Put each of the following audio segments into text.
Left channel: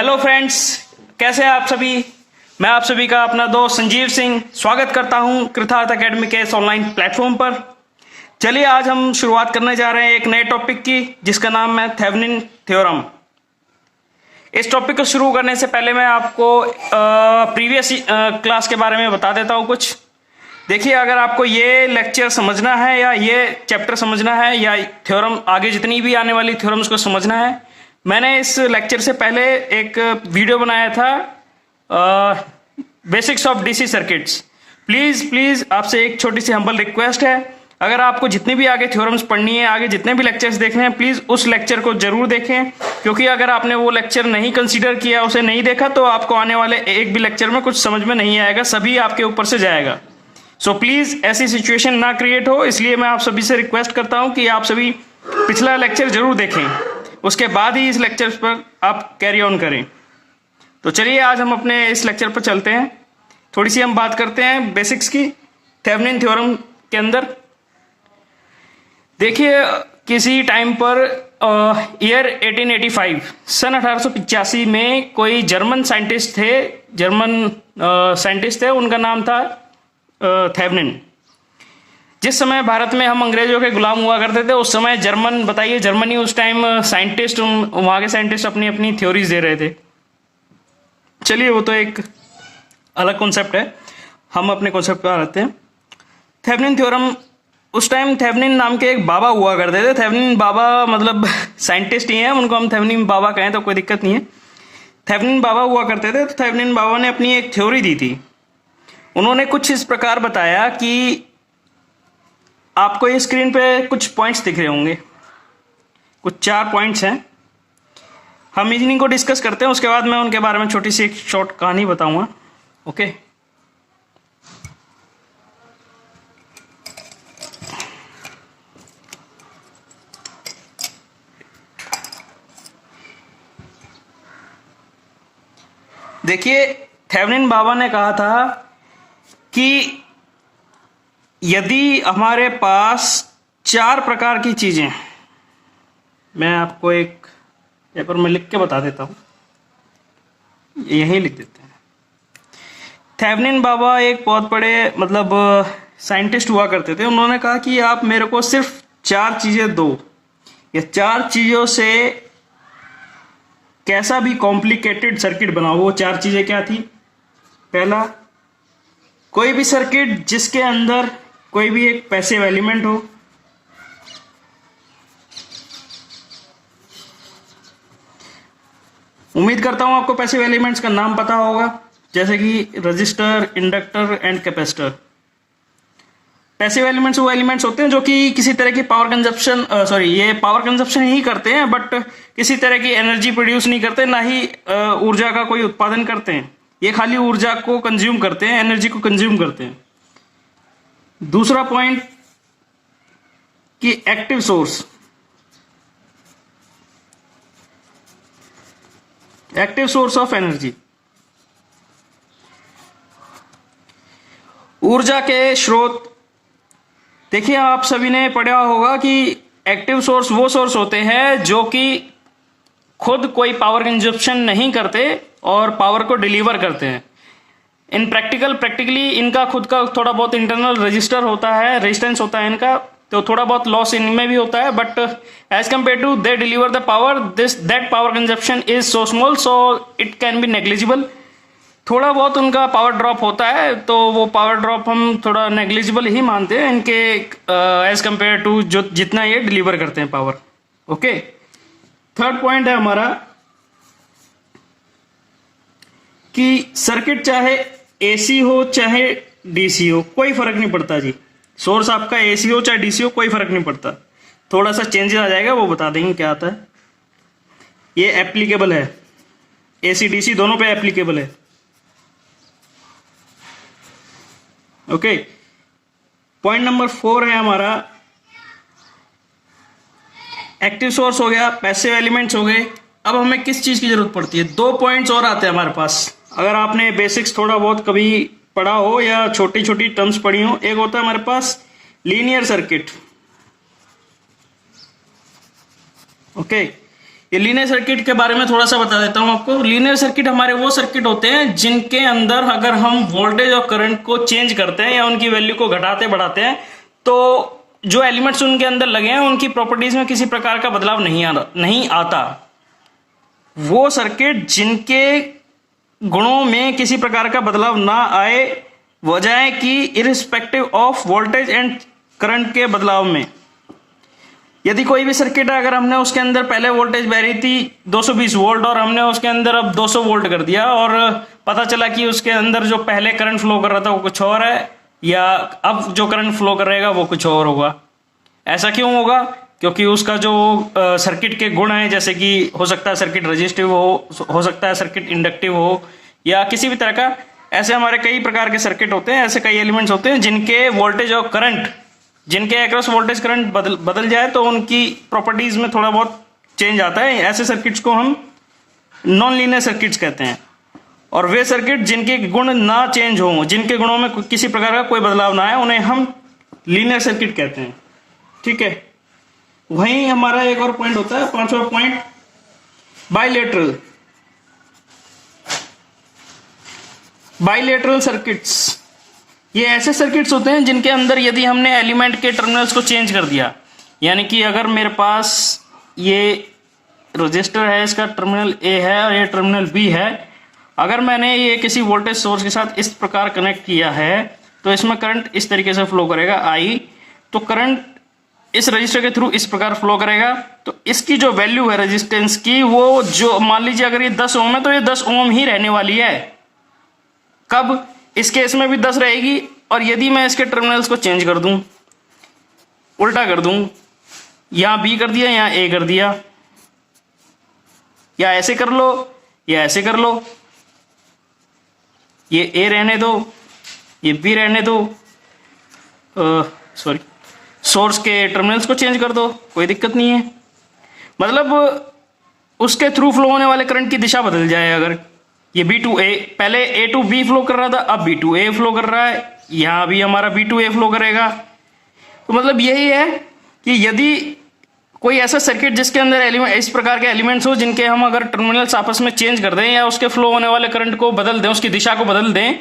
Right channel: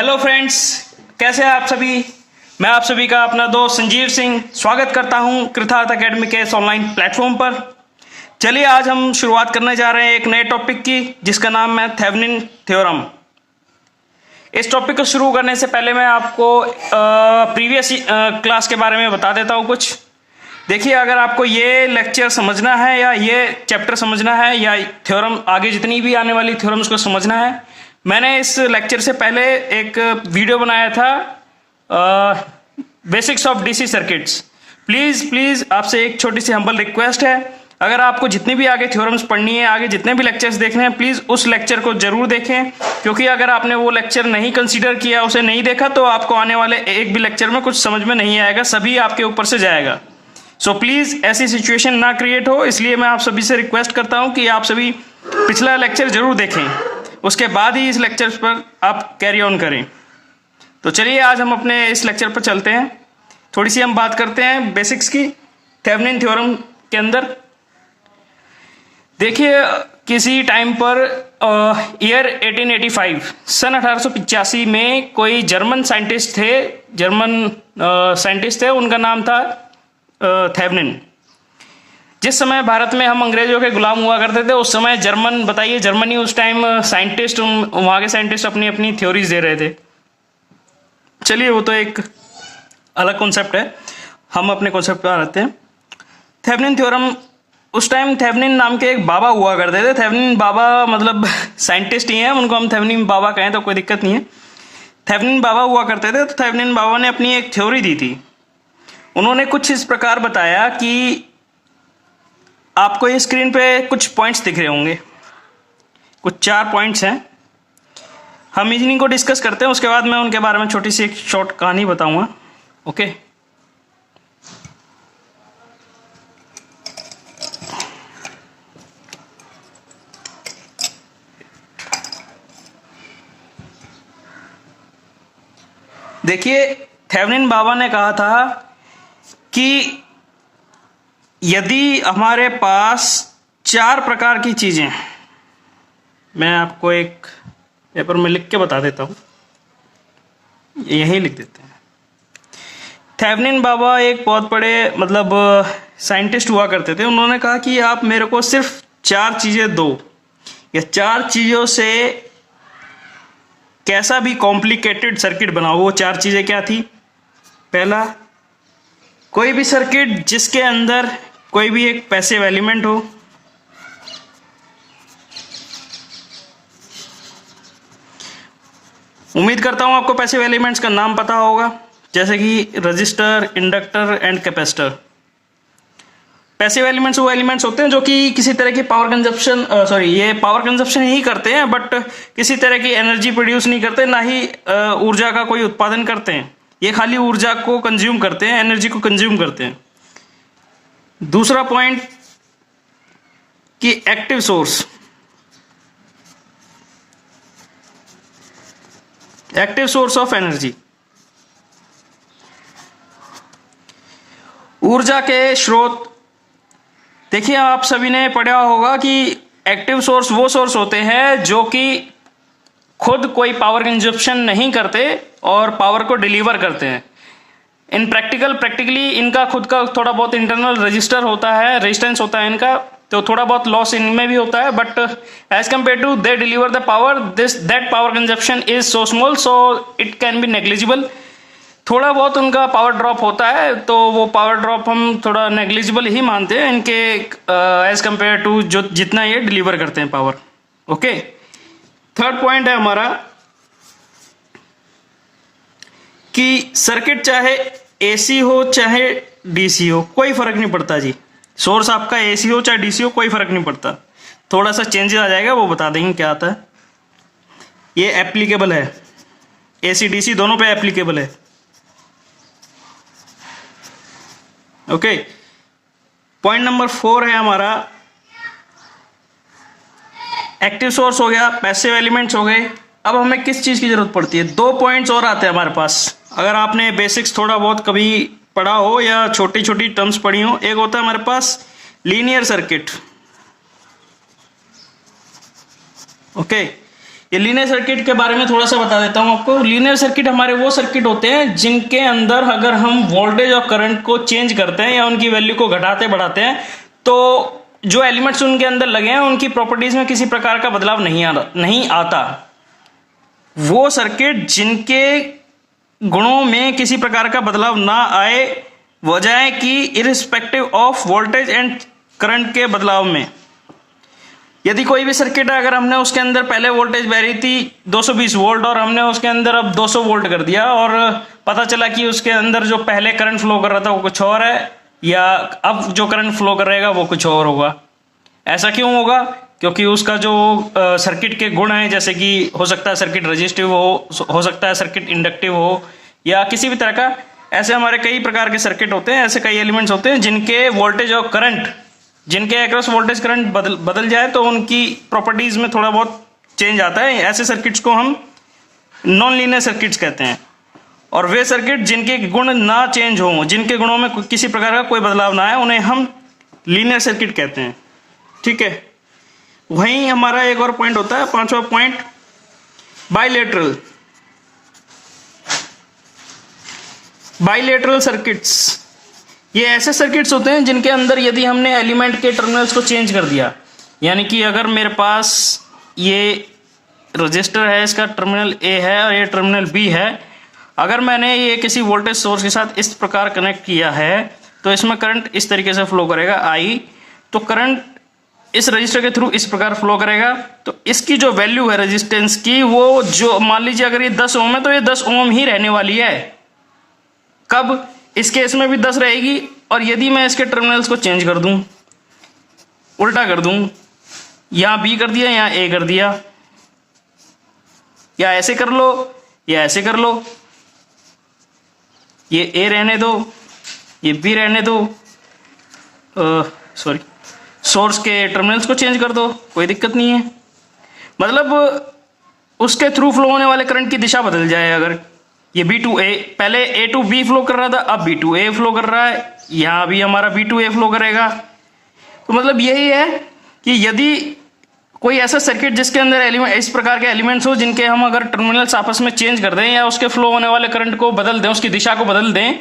Hello friends, कैसे हैं आप सभी। मैं आप सभी का अपना दोस्त संजीव सिंह स्वागत करता हूं कृतार्थ एकेडमी के इस ऑनलाइन प्लेटफॉर्म पर। चलिए आज हम शुरुआत करने जा रहे हैं एक नए टॉपिक की, जिसका नाम है थेवेनिन थ्योरम। इस टॉपिक को शुरू करने से पहले मैं आपको प्रीवियस क्लास के बारे में बता देता हूं कुछ। देखिए, अगर आपको ये लेक्चर समझना है या ये चैप्टर समझना है या थ्योरम आगे जितनी भी आने वाली थ्योरम्स को समझना है, मैंने इस लेक्चर से पहले एक वीडियो बनाया था basics of DC circuits. Please आपसे एक छोटी सी हम्बल रिक्वेस्ट है, अगर आपको जितनी भी आगे थ्योरम्स पढ़नी है, आगे जितने भी लेक्चर्स देखने हैं, प्लीज उस लेक्चर को जरूर देखें, क्योंकि अगर आपने वो लेक्चर नहीं कंसीडर किया, उसे नहीं देखा, तो आपको आने वाले एक भी लेक्चर में कुछ समझ में नहीं आएगा, सभी आपके ऊपर से जाएगा। सो प्लीज ऐसी सिचुएशन ना क्रिएट हो, इसलिए मैं आप सभी से रिक्वेस्ट करता हूं कि आप सभी पिछला लेक्चर जरूर देखें, उसके बाद ही इस लेक्चर पर आप कैरी ऑन करें। तो चलिए आज हम अपने इस लेक्चर पर चलते हैं। थोड़ी सी हम बात करते हैं बेसिक्स की थेवेनिन थ्योरम के अंदर। देखिए, किसी टाइम पर ईयर 1885 सन 1885 में कोई जर्मन साइंटिस्ट थे, उनका नाम था थेवेनिन। जिस समय भारत में हम अंग्रेजों के गुलाम हुआ करते थे, उस समय जर्मनी उस टाइम वहां के साइंटिस्ट अपनी अपनी थ्योरीज दे रहे थे। चलिए, वो तो एक अलग कॉन्सेप्ट है, हम अपने कॉन्सेप्ट पर आते हैं। थेवेनिन थ्योरम, उस टाइम थेवेनिन नाम के एक बाबा हुआ करते थे। थेवेनिन बाबा मतलब साइंटिस्ट ही हैं, उनको हम थेवेनिन बाबा कहें तो कोई दिक्कत नहीं है। थेवेनिन बाबा हुआ करते थे, तो थेवेनिन बाबा ने अपनी एक थ्योरी दी थी। उन्होंने कुछ इस प्रकार बताया कि आपको ये स्क्रीन पे कुछ पॉइंट्स दिख रहे होंगे, कुछ 4 पॉइंट्स हैं। हम इन्हीं को डिस्कस करते हैं, उसके बाद मैं उनके बारे में छोटी सी एक शॉर्ट कहानी बताऊंगा। ओके, देखिए, थेवेनिन बाबा ने कहा था कि यदि हमारे पास 4 प्रकार की चीजें, मैं आपको एक पेपर में लिख के बता देता हूं, यही लिख देते हैं। थेवेनिन बाबा एक बहुत बड़े मतलब साइंटिस्ट हुआ करते थे। उन्होंने कहा कि आप मेरे को सिर्फ 4 चीजें दो, या 4 चीजों से कैसा भी कॉम्प्लिकेटेड सर्किट बनाओ। वो 4 चीजें क्या थी? पहला, कोई भी सर्किट जिसके अंदर कोई भी एक पैसिव एलिमेंट हो। उम्मीद करता हूं आपको पैसिव एलिमेंट्स का नाम पता होगा, जैसे कि register, inductor and capacitor. Passive elements वो एलिमेंट्स होते हैं जो कि किसी तरह की पावर कंजप्शन ही करते हैं, बट किसी तरह की एनर्जी प्रोड्यूस नहीं करते, ना ही ऊर्जा का कोई उत्पादन करते हैं। ये खाली ऊर्जा को कंज्यूम करते हैं, एनर्जी को कंज्यूम करते हैं। दूसरा पॉइंट कि एक्टिव सोर्स ऑफ एनर्जी, ऊर्जा के स्रोत। देखिए, आप सभी ने पढ़ा होगा कि एक्टिव सोर्स वो सोर्स होते हैं जो कि खुद कोई पावर कंजप्शन नहीं करते और पावर को डिलीवर करते हैं। इन प्रैक्टिकली इनका खुद का थोड़ा बहुत इंटरनल रेजिस्टेंस होता है इनका, तो थोड़ा बहुत लॉस इनमें भी होता है, but as compare to they deliver the power, that power consumption is so small, so it can be negligible. थोड़ा बहुत उनका पावर ड्रॉप होता है, तो वो पावर ड्रॉप हम थोड़ा नेग्लिजिबल ही मानते हैं इनके एज कंपेयर टू जो जितना ये डिलीवर करते हैं पावर। ओके, थर्ड पॉइंट है हमारा कि सर्किट चाहे एसी हो चाहे डीसी हो, कोई फर्क नहीं पड़ता जी। सोर्स आपका एसी हो चाहे डीसी हो, कोई फर्क नहीं पड़ता। थोड़ा सा चेंजेस आ जाएगा, वो बता देंगे क्या आता है। ये एप्लीकेबल है, एसी डीसी दोनों पे एप्लीकेबल है। ओके, पॉइंट नंबर 4 है हमारा एक्टिव सोर्स हो गया, पैसिव एलिमेंट्स हो गए। अब हमें किस चीज की जरूरत पड़ती है? 2 पॉइंट्स और आते हैं हमारे पास, अगर आपने बेसिक्स थोड़ा बहुत कभी पढ़ा हो या छोटी छोटी टर्म्स पढ़ी हो। एक होता है हमारे पास लीनियर सर्किट। ओके, ये लीनियर सर्किट के बारे में थोड़ा सा बता देता हूं आपको। लीनियर सर्किट हमारे वो सर्किट होते हैं जिनके अंदर अगर हम वोल्टेज और करंट को चेंज करते हैं या उनकी वैल्यू को घटाते बढ़ाते हैं तो जो एलिमेंट्स उनके अंदर लगे हैं उनकी प्रॉपर्टीज में किसी प्रकार का बदलाव नहीं आता। वो सर्किट जिनके गुणों में किसी प्रकार का बदलाव ना आए, वजह है कि irrespective of voltage and current के बदलाव में। यदि कोई भी सर्किट है, अगर हमने उसके अंदर पहले वोल्टेज वैरी थी 220 वोल्ट और हमने उसके अंदर अब 200 वोल्ट कर दिया और पता चला कि उसके अंदर जो पहले करंट फ्लो कर रहा था वो कुछ और है, या अब जो करंट फ्लो कर रहेगा वो कुछ और होगा। ऐसा क्यों होगा? क्योंकि उसका जो सर्किट के गुण हैं, जैसे कि हो सकता है सर्किट रेजिस्टिव हो सकता है सर्किट इंडक्टिव हो, या किसी भी तरह का, ऐसे हमारे कई प्रकार के सर्किट होते हैं, ऐसे कई एलिमेंट्स होते हैं जिनके वोल्टेज और करंट, जिनके अक्रॉस वोल्टेज करंट बदल जाए तो उनकी प्रॉपर्टीज में थोड़ा बहुत चेंज आता है। ऐसे सर्किट्स को हम नॉन लीनियर सर्किट्स कहते हैं। और वे सर्किट जिनके गुण ना चेंज हो, जिनके गुणों में किसी प्रकार का कोई बदलाव ना आए, उन्हें हम लीनियर सर्किट कहते हैं। ठीक है, वहीं हमारा एक और पॉइंट होता है, पांचवा पॉइंट, बाइलेटरल। बाइलेटरल सर्किट्स ये ऐसे सर्किट्स होते हैं जिनके अंदर यदि हमने एलिमेंट के टर्मिनल्स को चेंज कर दिया, यानी कि अगर मेरे पास ये रजिस्टर है, इसका टर्मिनल ए है और ये टर्मिनल बी है, अगर मैंने ये किसी वोल्टेज सोर्स के साथ इस प्रकार कनेक्ट किया है तो इसमें करंट इस तरीके से फ्लो करेगा आई, तो करंट इस रजिस्टर के थ्रू इस प्रकार फ्लो करेगा। तो इसकी जो वैल्यू है रेजिस्टेंस की, वो जो मान लीजिए अगर ये 10 ओम है तो ये 10 ओम ही रहने वाली है। कब? इस केस में भी 10 रहेगी। और यदि मैं इसके टर्मिनल्स को चेंज कर दूं, उल्टा कर दूं, यहां बी कर दिया, यहां ए कर दिया, या ऐसे कर लो या ऐसे कर लो, ये ए रहने दो, ये बी रहने दो, सॉरी, सोर्स के टर्मिनल्स को चेंज कर दो, कोई दिक्कत नहीं है। मतलब उसके थ्रू फ्लो होने वाले करंट की दिशा बदल जाए। अगर ये बी टू ए, पहले ए टू बी फ्लो कर रहा था, अब बी टू ए फ्लो कर रहा है, यहां भी हमारा बी टू ए फ्लो करेगा। तो मतलब यही है कि यदि कोई ऐसा सर्किट जिसके अंदर एलिमेंट, इस प्रकार के एलिमेंट्स हो जिनके हम अगर टर्मिनल्स आपस में चेंज कर दें या उसके फ्लो होने वाले करंट को बदल दें, उसकी दिशा को बदल दें,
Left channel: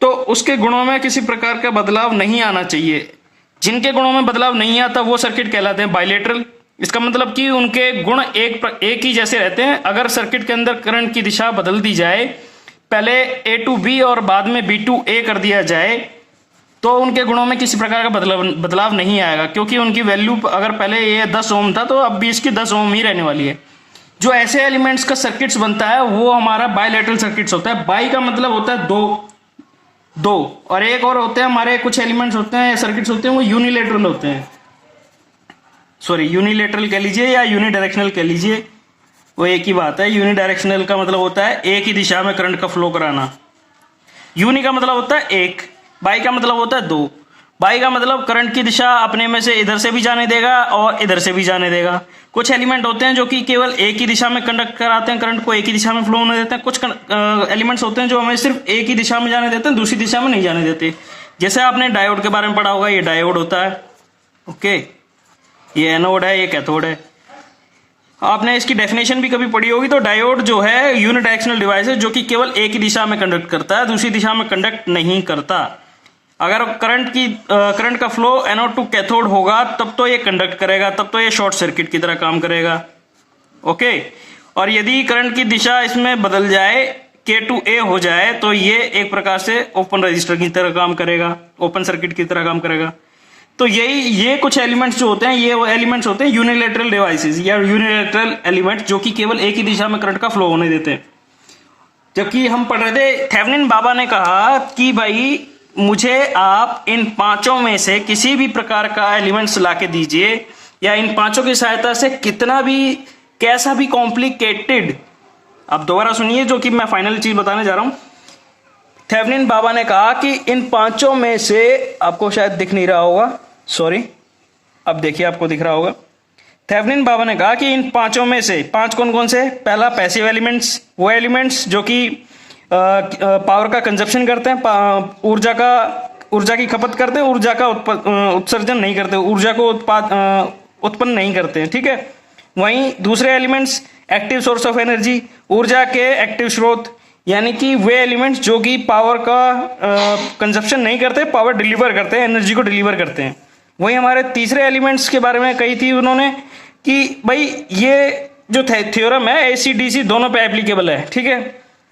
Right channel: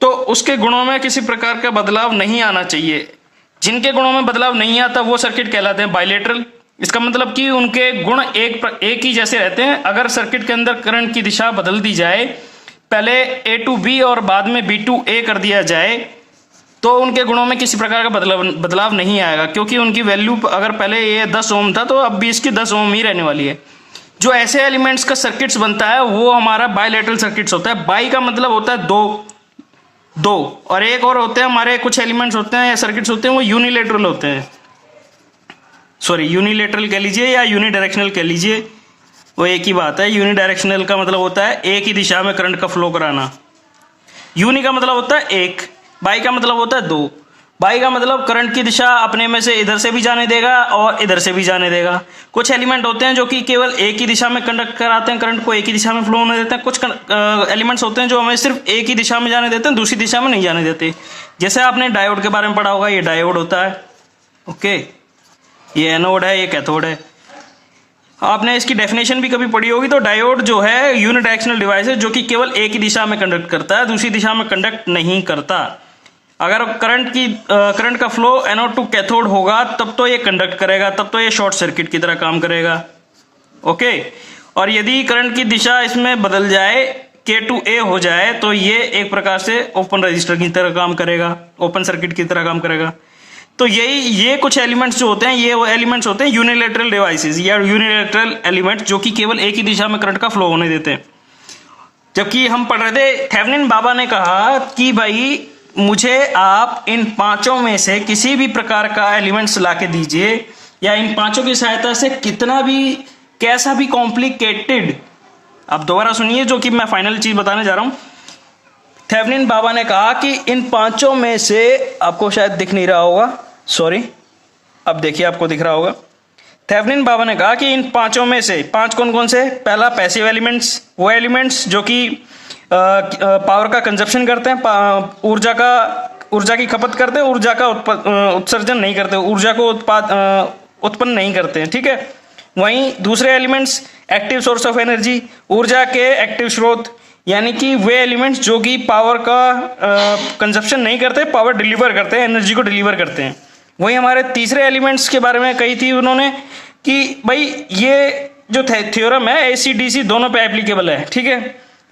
तो उसके गुणों में किसी प्रकार का बदलाव नहीं आना चाहिए। जिनके गुणों में बदलाव नहीं आता वो सर्किट कहलाते हैं बाइलेटरल। इसका मतलब कि उनके गुण एक ही जैसे रहते हैं। अगर सर्किट के अंदर करंट की दिशा बदल दी जाए, पहले ए टू बी और बाद में बी टू ए कर दिया जाए, तो उनके गुणों में किसी प्रकार का बदलाव नहीं आएगा, क्योंकि उनकी वैल्यू अगर पहले ये 10 ओम था तो अब भी इसकी 10 ओम ही रहने वाली है। जो ऐसे एलिमेंट्स का सर्किट्स बनता है वो हमारा बाइलेटरल सर्किट्स होता है। बाई का मतलब होता है दो, और एक और होते हैं हमारे कुछ एलिमेंट्स होते हैं या सर्किट्स होते हैं वो यूनिलेटरल होते हैं। सॉरी, यूनिलेटरल कह लीजिए या यूनिडायरेक्शनल कह लीजिए, वो एक ही बात है। यूनिडायरेक्शनल का मतलब होता है एक ही दिशा में करंट का फ्लो कराना। यूनि का मतलब होता है एक, बाई का मतलब होता है दो। बाई का मतलब करंट की दिशा अपने में से इधर से भी जाने देगा और इधर से भी जाने देगा। कुछ एलिमेंट होते हैं जो कि केवल एक ही दिशा में कंडक्ट कराते हैं, करंट को एक ही दिशा में फ्लो होने देते हैं। कुछ एलिमेंट्स होते हैं जो हमें सिर्फ एक ही दिशा में जाने देते हैं, दूसरी दिशा में नहीं जाने देते। जैसे आपने डायोड के बारे में पढ़ा होगा, ये डायोड होता है, ओके, ये एनोड है, ये कैथोड है। आपने इसकी डेफिनेशन भी कभी पढ़ी होगी। तो डायोड जो है यूनिडायरेक्शनल डिवाइस है जो कि केवल एक ही दिशा में कंडक्ट करता है, दूसरी दिशा में कंडक्ट नहीं करता। अगर करंट का फ्लो एनोड टू कैथोड होगा तब तो ये कंडक्ट करेगा, तब तो ये शॉर्ट सर्किट की तरह काम करेगा, ओके। और यदि करंट की दिशा इसमें बदल जाए, के टू ए हो जाए, तो ये एक प्रकार से ओपन रजिस्टर की तरह काम करेगा, ओपन सर्किट की तरह काम करेगा। तो ये कुछ एलिमेंट्स जो होते हैं, ये वो एलिमेंट्स होते हैं यूनिलेटरल डिवाइसेस या यूनिलेटरल एलिमेंट्स, जो कि केवल एक ही दिशा में करंट का फ्लो होने देते हैं। जबकि हम पढ़ रहे थे, थेवेनिन बाबा ने कहा कि भाई मुझे आप इन पांचों में से किसी भी प्रकार का एलिमेंट्स लाके दीजिए, या इन पांचों की सहायता से कितना भी, कैसा भी कॉम्प्लिकेटेड, आप दोबारा सुनिए जो कि मैं फाइनल चीज बताने जा रहा हूं। थेवेनिन बाबा ने कहा कि इन पांचों में से, आपको शायद दिख नहीं रहा होगा, सॉरी, अब देखिए आपको दिख रहा होगा। थेवेनिन बाबा ने कहा कि इन पांचों में से, पांच कौन कौन से? पहला पैसिव एलिमेंट्स, वो एलिमेंट्स जो कि पावर का कंजप्शन करते हैं, ऊर्जा की खपत करते हैं, ऊर्जा का उत्सर्जन नहीं करते, ऊर्जा को उत्पन्न नहीं करते हैं, ठीक है। वहीं दूसरे elements active source of energy, ऊर्जा के एक्टिव स्रोत, यानी कि वे एलिमेंट्स जो कि पावर का कंजप्शन नहीं करते, पावर डिलीवर करते हैं, एनर्जी को डिलीवर करते हैं। वहीं हमारे तीसरे एलिमेंट्स के बारे में कही थी उन्होंने कि भाई ये जो थ्योरम है एसी डीसी दोनों पे एप्लीकेबल है, ठीक है।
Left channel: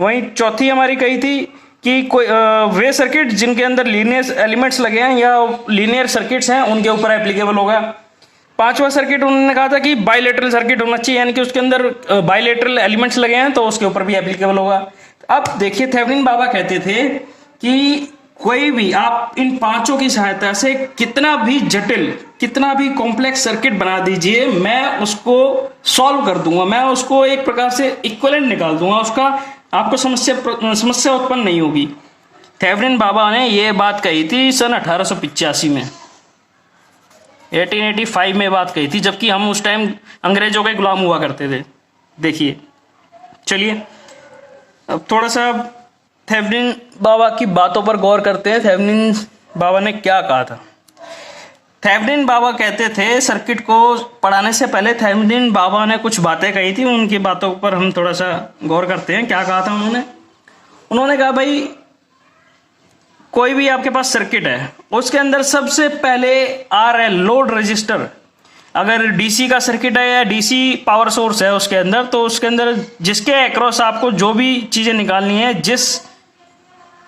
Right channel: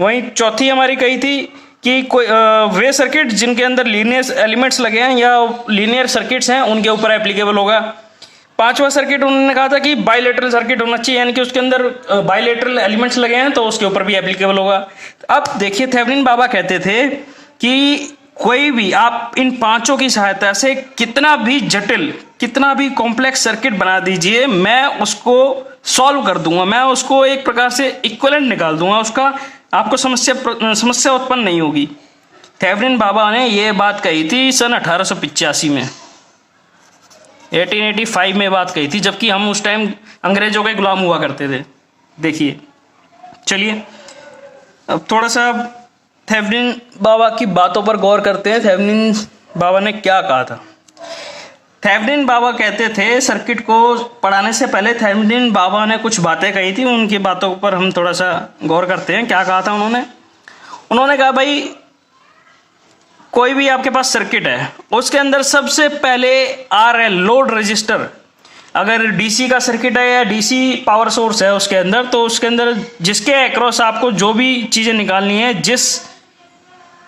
वहीं चौथी हमारी कही थी कि कोई वे सर्किट जिनके अंदर लीनियर एलिमेंट्स लगे हैं या लीनियर सर्किट्स हैं उनके ऊपर एप्लीकेबल होगा। पांचवा सर्किट उन्होंने कहा था कि बाइलेटरल सर्किट होना चाहिए, यानी कि उसके अंदर बाइलेटरल एलिमेंट्स लगे हैं तो उसके ऊपर भी एप्लीकेबल होगा। अब देखिए थेवेनिन बाबा कहते थे कि कोई भी आप इन पांचों की सहायता से कितना भी जटिल, कितना भी कॉम्प्लेक्स सर्किट बना दीजिए, मैं उसको सॉल्व कर दूंगा, मैं उसको एक प्रकार से इक्विवेलेंट निकाल दूंगा, उसका आपको समस्या उत्पन्न नहीं होगी। थेवेनिन बाबा ने यह बात कही थी सन 1885 में, 1885 में बात कही थी, जबकि हम उस टाइम अंग्रेजों के गुलाम हुआ करते थे। देखिए, चलिए अब थोड़ा सा थेवेनिन बाबा की बातों पर गौर करते हैं। थेवेनिन बाबा ने क्या कहा था? थेवेनिन बाबा कहते थे, सर्किट को पढ़ाने से पहले थेवेनिन बाबा ने कुछ बातें कही थी, उनकी बातों पर हम थोड़ा सा गौर करते हैं। क्या कहा था उन्होंने कहा भाई कोई भी आपके पास सर्किट है उसके अंदर सबसे पहले RL लोड रजिस्टर, अगर डीसी का सर्किट है या डीसी पावर सोर्स है उसके अंदर, तो उसके अंदर जिसके अक्रॉस आपको जो भी चीजें निकालनी है, जिस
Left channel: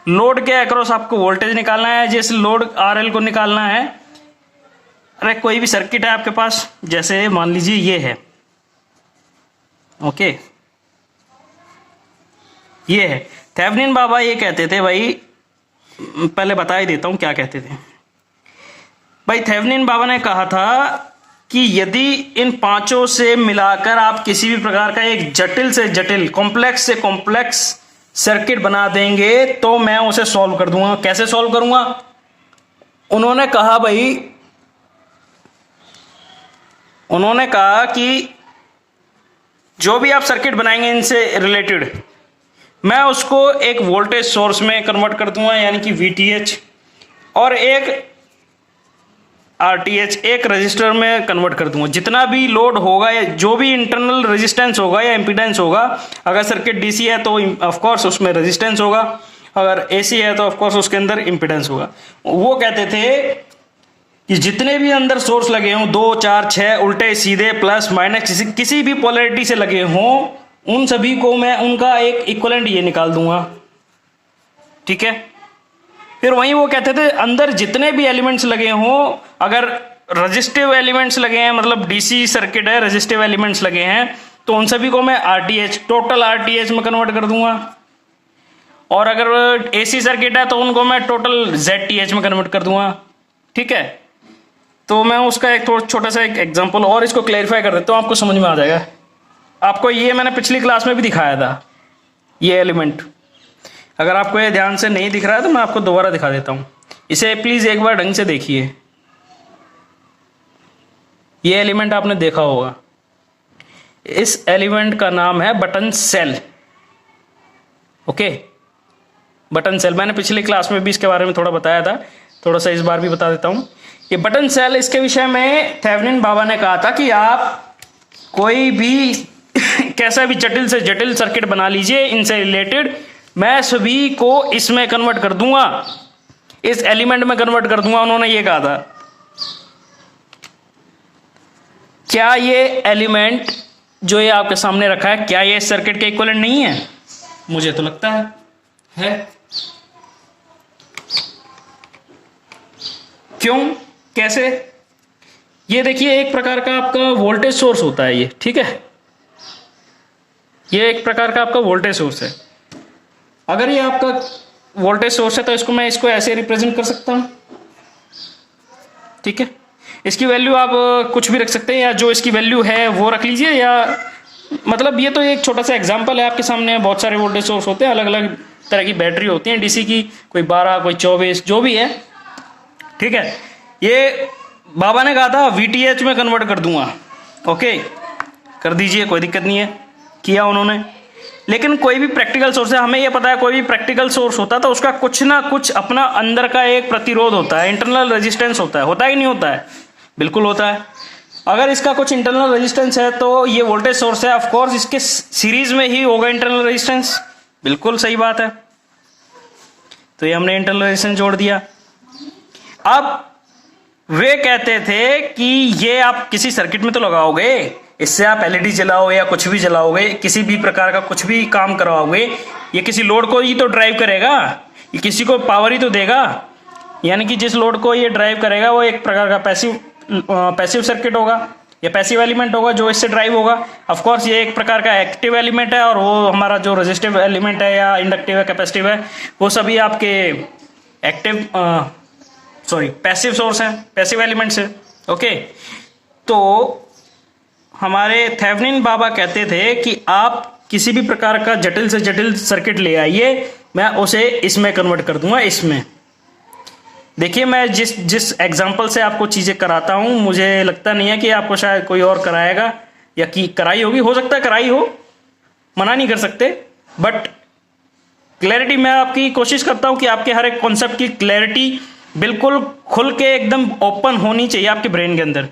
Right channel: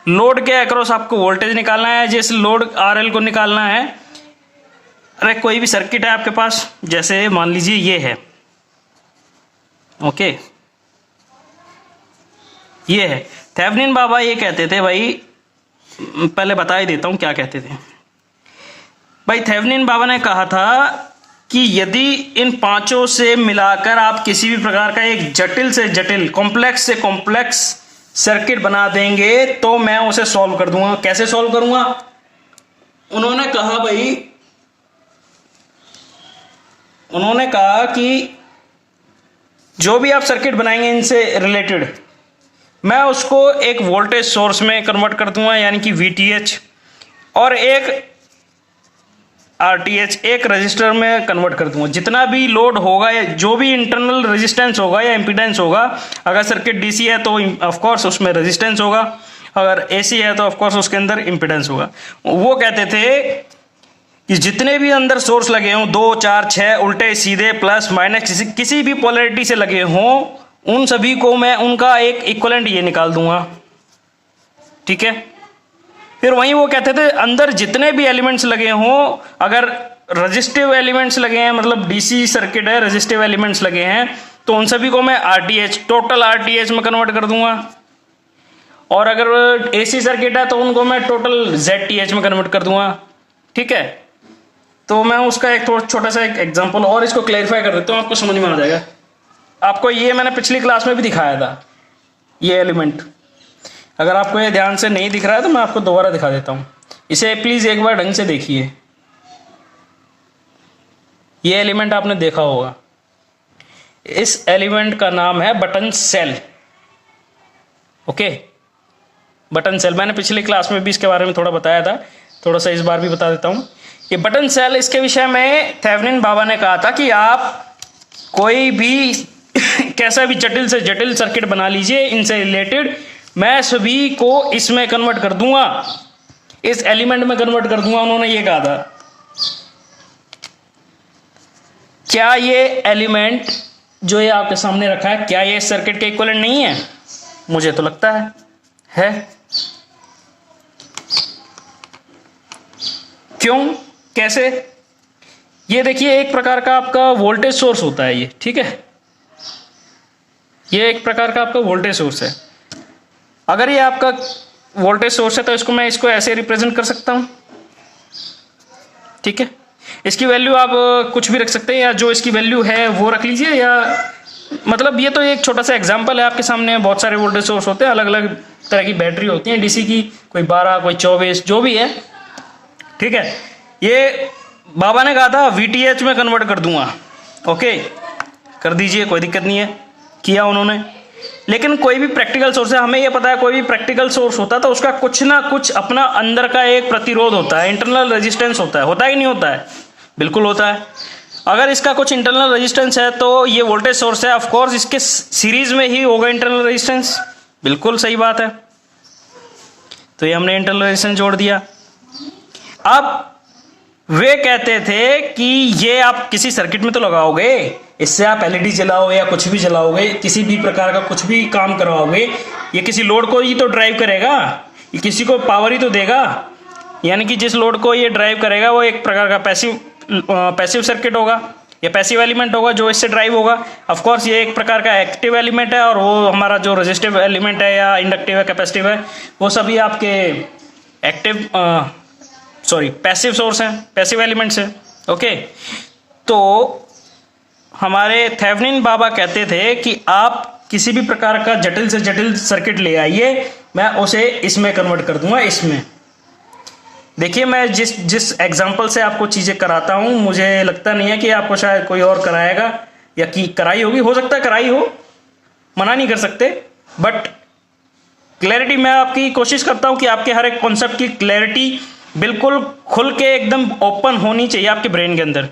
लोड के अक्रॉस आपको वोल्टेज निकालना है, जिस लोड RL को निकालना है, अरे कोई भी सर्किट है आपके पास, जैसे मान लीजिए ये है, ओके, ये है। थेवेनिन बाबा ये कहते थे, भाई पहले बता ही देता हूं क्या कहते थे। भाई थेवेनिन बाबा ने कहा था कि यदि इन पांचों से मिलाकर आप किसी भी प्रकार का एक जटिल से जटिल, कॉम्प्लेक्स से कॉम्प्लेक्स सर्किट बना देंगे तो मैं उसे सॉल्व कर दूंगा। कैसे सॉल्व करूंगा? उन्होंने कहा कि जो भी आप सर्किट बनाएंगे इनसे रिलेटेड, मैं उसको एक वोल्टेज सोर्स में कन्वर्ट कर दूंगा, यानी कि VTH, और एक RTH, एक रजिस्टर में कन्वर्ट कर दूंगा। जितना भी लोड होगा या जो भी इंटरनल रेजिस्टेंस होगा या इम्पीडेंस होगा, अगर सर्किट DC है तो ऑफ कोर्स उसमें रेजिस्टेंस होगा, अगर AC है तो ऑफ कोर्स उसके अंदर इम्पीडेंस होगा। वो कहते थे कि जितने भी अंदर सोर्स लगे हों, 2, 4, 6, उल्टे सीधे, प्लस माइनस, किसी भी पोलैरिटी से लगे हों, उन सभी को मैं उनका एक इक्विवेलेंट ये निकाल दूंगा, ठीक है। फिर वहीं वो कहते थे अंदर जितने भी एलिमेंट्स लगे हों, अगर रजिस्टिव एलिमेंट्स लगे हैं, मतलब डीसी सर्किट है, रजिस्टिव एलिमेंट्स लगे हैं, तो उन सभी को मैं RTH, टोटल RTH में कन्वर्ट कर दूंगा, और अगर AC सर्किट है तो उनको मैं टोटल ZTH में कन्वर्ट कर दूंगा, ठीक है। तो मैं उसका एक छोटा सा एक एग्जांपल और इसको क्लैरिफाई कर देता हूँ, आपको समझ में आ जाएगा। आपको ये मैंने पिछली क्लास में भी दिखाया था, ये एलिमेंट। अगर आपको ये ध्यान से नहीं दिख रहा है तो मैं आपको दोबारा दिखा देता हूं, इसे प्लीज एक बार ढंग से देखिए। ये एलिमेंट आपने देखा होगा, इस एलिमेंट का नाम है button cell, okay, button cell. मैंने पिछली क्लास में भी इसके बारे में थोड़ा बताया था, थोड़ा सा इस बार भी बता देता हूं। ये बटन सेल, इसके विषय में थेवेनिन बाबा ने कहा था कि आप कोई भी कैसा भी जटिल से जटिल सर्किट बना लीजिए, इनसे रिलेटेड मैं सभी को इसमें कन्वर्ट कर दूंगा, इस एलिमेंट में कन्वर्ट कर दूंगा, उन्होंने ये कहा था। क्या ये एलिमेंट जो ये आपके सामने रखा है, क्या ये सर्किट के इक्विवेलेंट नहीं है? मुझे तो लगता है। क्यों, कैसे? ये देखिए, एक प्रकार का आपका वोल्टेज सोर्स होता है ये, ठीक है, ये एक प्रकार का आपका वोल्टेज सोर्स है। अगर ये आपका वोल्टेज सोर्स है तो इसको ऐसे रिप्रेजेंट कर सकता हूं, ठीक है। इसकी वैल्यू आप कुछ भी रख सकते हैं, या जो इसकी वैल्यू है वो रख लीजिए, या मतलब ये तो एक छोटा सा एग्जांपल है आपके सामने। बहुत सारे वोल्टेज सोर्स होते हैं, अलग अलग तरह की बैटरी होती हैं डीसी की, कोई 12, कोई 24, जो भी है, ठीक है। ये बाबा ने कहा था VTH में कन्वर्ट कर दूंगा, ओके, कर दीजिए, कोई दिक्कत नहीं है, किया उन्होंने। लेकिन कोई भी प्रैक्टिकल सोर्स है, हमें यह पता है कोई भी प्रैक्टिकल सोर्स होता है तो उसका कुछ ना कुछ अपना अंदर का एक प्रतिरोध होता है, इंटरनल रेजिस्टेंस होता है कि नहीं होता है? बिल्कुल होता है। अगर इसका कुछ इंटरनल रेजिस्टेंस है तो ये वोल्टेज सोर्स है, ऑफ कोर्स इसके सीरीज में ही होगा इंटरनल रेजिस्टेंस, बिल्कुल सही बात है। तो ये हमने इंटरनल रेजिस्टेंस जोड़ दिया। अब वे कहते थे कि ये आप किसी सर्किट में तो लगाओगे, इससे आप एलईडी जलाओगे या कुछ भी जलाओगे, किसी भी प्रकार का कुछ भी काम करवाओगे, ये किसी लोड को ही तो ड्राइव करेगा, ये किसी को पावर ही तो देगा। यानी कि जिस लोड को ये ड्राइव करेगा वो एक प्रकार का पैसिव सर्किट होगा या पैसिव एलिमेंट होगा जो इससे ड्राइव होगा। ऑफ कोर्स ये एक प्रकार का एक्टिव एलिमेंट है और वो हमारा जो रेजिस्टिव एलिमेंट है या इंडक्टिव है कैपेसिटिव है वो सभी आपके एक्टिव पैसिव सोर्स हैं, पैसिव एलिमेंट्स है। ओके, तो हमारे थेवेनिन बाबा कहते थे कि आप किसी भी प्रकार का जटिल से जटिल सर्किट ले आइए, मैं उसे इसमें कन्वर्ट कर दूंगा। इसमें देखिए, मैं जिस एग्जांपल से आपको चीजें कराता हूं, मुझे लगता नहीं है कि आपको शायद कोई और कराएगा या कि कराई होगी, हो सकता है कराई हो, मना नहीं कर सकते, बट क्लैरिटी मैं आपकी कोशिश करता हूं कि आपके हर एक कॉन्सेप्ट की क्लैरिटी बिल्कुल खुल के एकदम ओपन होनी चाहिए आपके ब्रेन के अंदर,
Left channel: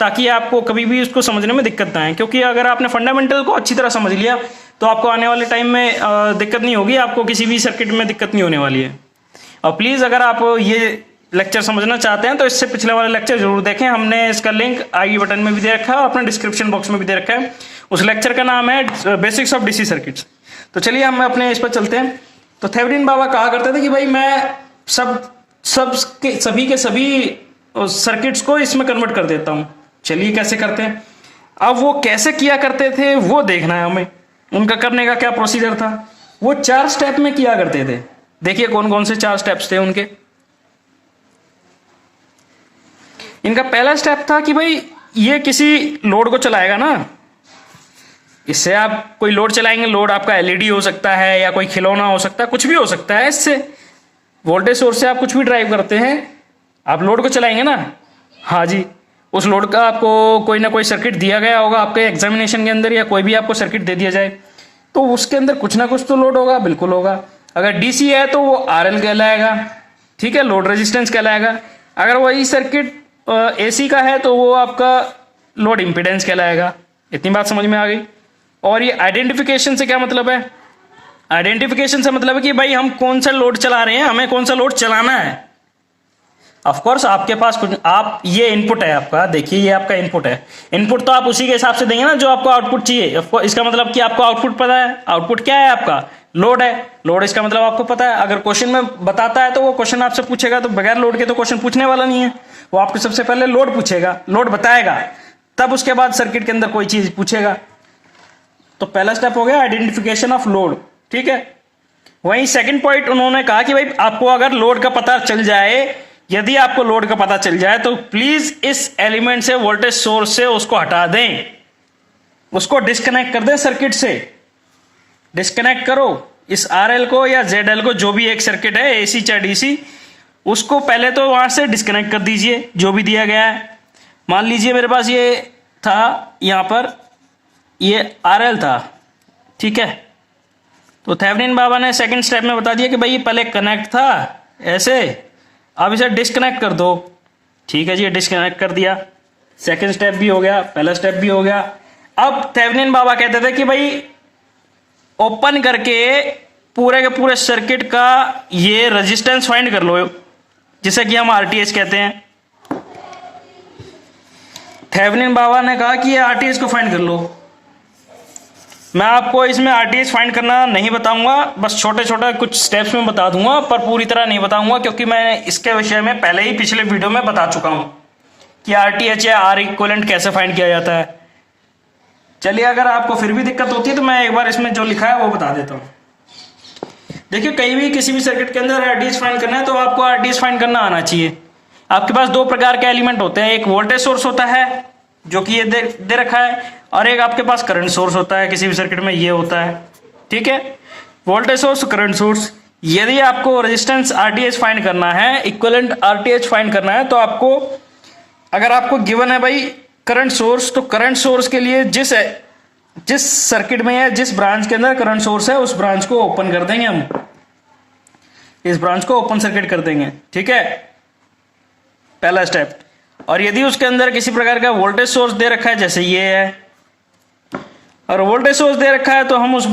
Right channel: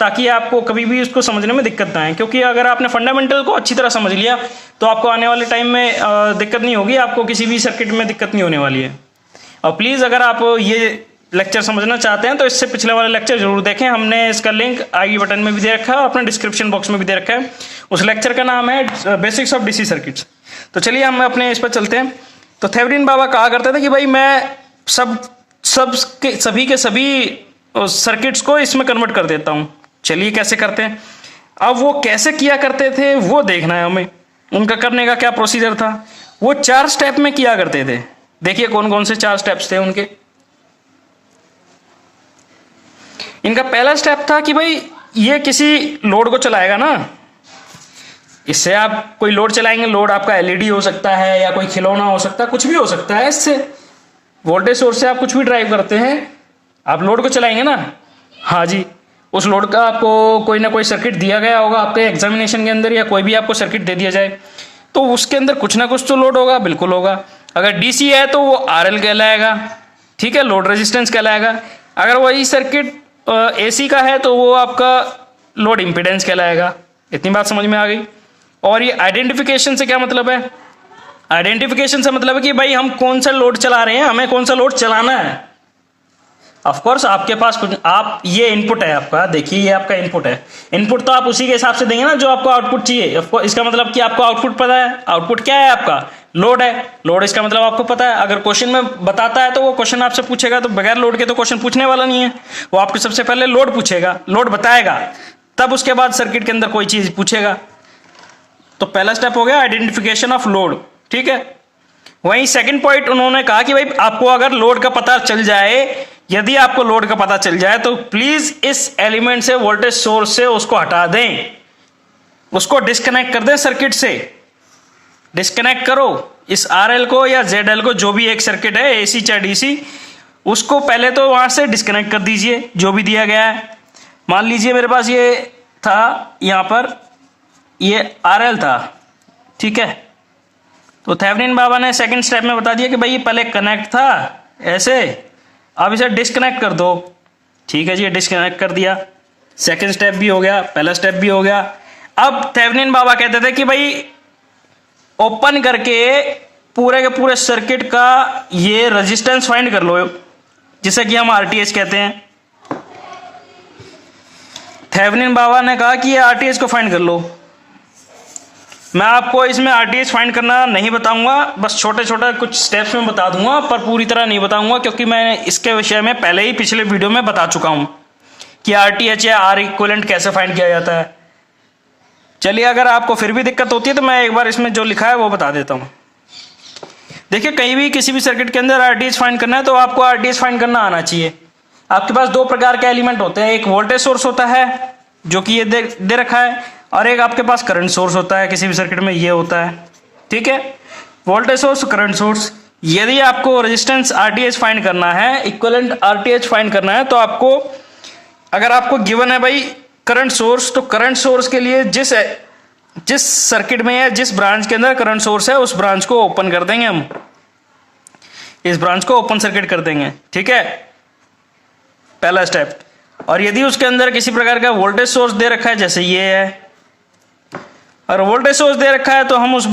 ताकि आपको कभी भी उसको समझने में दिक्कत ना आए। क्योंकि अगर आपने फंडामेंटल को अच्छी तरह समझ लिया तो आपको आने वाले टाइम में दिक्कत नहीं होगी, आपको किसी भी सर्किट में दिक्कत नहीं होने वाली है। और प्लीज़ अगर आप ये लेक्चर समझना चाहते हैं तो इससे पिछले वाले लेक्चर जरूर देखें, हमने इसका लिंक आई बटन में भी दे रखा है और अपने डिस्क्रिप्शन बॉक्स में भी दे रखा है। उस लेक्चर का नाम है बेसिक्स ऑफ डीसी सर्किट्स। तो चलिए हम अपने इस पर चलते हैं। तो थेवेनिन बाबा कहा करते थे कि भाई मैं सभी के सभी सर्किट्स को इसमें कन्वर्ट कर देता हूं। चलिए कैसे करते हैं। अब वो कैसे किया करते थे वो देखना है हमें, उनका करने का क्या प्रोसीजर था। वो 4 स्टेप में किया करते थे। देखिए कौन कौन से 4 स्टेप्स थे उनके। इनका पहला स्टेप था कि भाई ये किसी लोड को चलाएगा ना, इससे आप कोई लोड चलाएंगे, लोड आपका एलईडी हो सकता है या कोई खिलौना हो सकता है, कुछ भी हो सकता है। इससे वोल्टेज सोर्स से आप कुछ भी ड्राइव करते हैं, आप लोड को चलाएंगे ना, हाँ जी, उस लोड का आपको कोई ना कोई सर्किट दिया गया होगा आपके एग्जामिनेशन के अंदर, या कोई भी आपको सर्किट दे दिया जाए तो उसके अंदर कुछ ना कुछ तो लोड होगा, बिल्कुल होगा। अगर डीसी है तो वो आरएल कहलाएगा, ठीक है, लोड रेजिस्टेंस कहलाएगा। अगर वही सर्किट एसी का है तो वो आपका लोड इंपीडेंस कहलाएगा। इतनी बात समझ में आ गई। और ये आइडेंटिफिकेशन से क्या मतलब है? आइडेंटिफिकेशन से मतलब है कि भाई हम कौन सा लोड चला रहे हैं, हमें कौन सा लोड चलाना है। ऑफ कोर्स आपके पास कुछ, आप ये इनपुट है आपका, देखिए ये आपका इनपुट है। इनपुट तो आप उसी के हिसाब से देंगे ना जो आपको आउटपुट चाहिए। इसका मतलब कि आपको आउटपुट पता है। आउटपुट क्या है आपका? लोड है। लोड इसका मतलब आपको पता है। अगर क्वेश्चन में बताता है तो वो क्वेश्चन आपसे पूछेगा, तो बगैर लोड के तो क्वेश्चन पूछने वाला नहीं है। वो आपको सबसे पहले लोड पूछेगा, लोड बताएगा, तब उसके बाद सर्किट के अंदर कोई चीज पूछेगा। तो पहला स्टेप हो गया आइडेंटिफिकेशन ऑफ लोड, ठीक है। वहीं सेकंड पॉइंट उन्होंने कहा कि भाई आपको अगर लोड का पता चल जाए, यदि आपको लोड का पता चल जाए तो प्लीज इस एलिमेंट से, वोल्टेज सोर्स से उसको हटा दें, उसको डिस्कनेक्ट कर दें सर्किट से। डिस्कनेक्ट करो इस आरएल को या जेडएल को, जो भी एक सर्किट है एसी चाहे डीसी, उसको पहले तो वहां से डिस्कनेक्ट कर दीजिए जो भी दिया गया है। मान लीजिए मेरे पास ये था, यहां पर ये आरएल था, ठीक है। तो थेवेनिन बाबा ने सेकंड स्टेप में बता दिया कि भाई ये पहले कनेक्ट था ऐसे, अब इसे डिस्कनेक्ट कर दो, ठीक है जी, डिस्कनेक्ट कर दिया। सेकंड स्टेप भी हो गया, पहला स्टेप भी हो गया। अब थेवेनिन बाबा कहते थे कि भाई ओपन करके पूरे के पूरे सर्किट का ये रेजिस्टेंस फाइंड कर लो, जिसे कि हम आरटीएच कहते हैं। थेवेनिन बाबा ने कहा कि ये आरटीएच को फाइंड कर लो। मैं आपको इसमें आरटीएच फाइंड करना नहीं बताऊंगा, बस छोटे छोटे कुछ स्टेप्स में बता दूंगा, पर पूरी तरह नहीं बताऊंगा, क्योंकि मैं इसके विषय में पहले ही पिछले वीडियो में बता चुका हूं कि आरटीएच या आर इक्विवेलेंट कैसे फाइंड किया जाता है। चलिए, अगर आपको फिर भी दिक्कत होती है तो मैं एक बार इसमें जो लिखा है वो बता देता हूं। देखिए, कहीं भी किसी भी सर्किट के अंदर आरटीएच फाइंड करना है तो आपको आरटीएच फाइंड करना आना चाहिए। आपके पास 2 प्रकार के एलिमेंट होते हैं, एक वोल्टेज सोर्स होता है जो कि ये दे रखा है, और एक आपके पास करंट सोर्स होता है। किसी भी सर्किट में ये होता है, ठीक है, वोल्टेज सोर्स, करंट सोर्स। यदि आपको रेजिस्टेंस आरटीएच फाइंड करना है, इक्विवेलेंट आरटीएच फाइंड करना है, तो आपको, अगर आपको गिवन है भाई करंट सोर्स, तो करंट सोर्स के लिए जिस सर्किट में या जिस ब्रांच के अंदर करंट सोर्स है उस ब्रांच को ओपन कर देंगे हम, इस ब्रांच को ओपन सर्किट कर देंगे, ठीक है, पहला स्टेप। और यदि उसके अंदर किसी प्रकार का वोल्टेज सोर्स दे रखा है, जैसे ये है, और वोल्टेज सोर्स दे रखा है, तो हम उस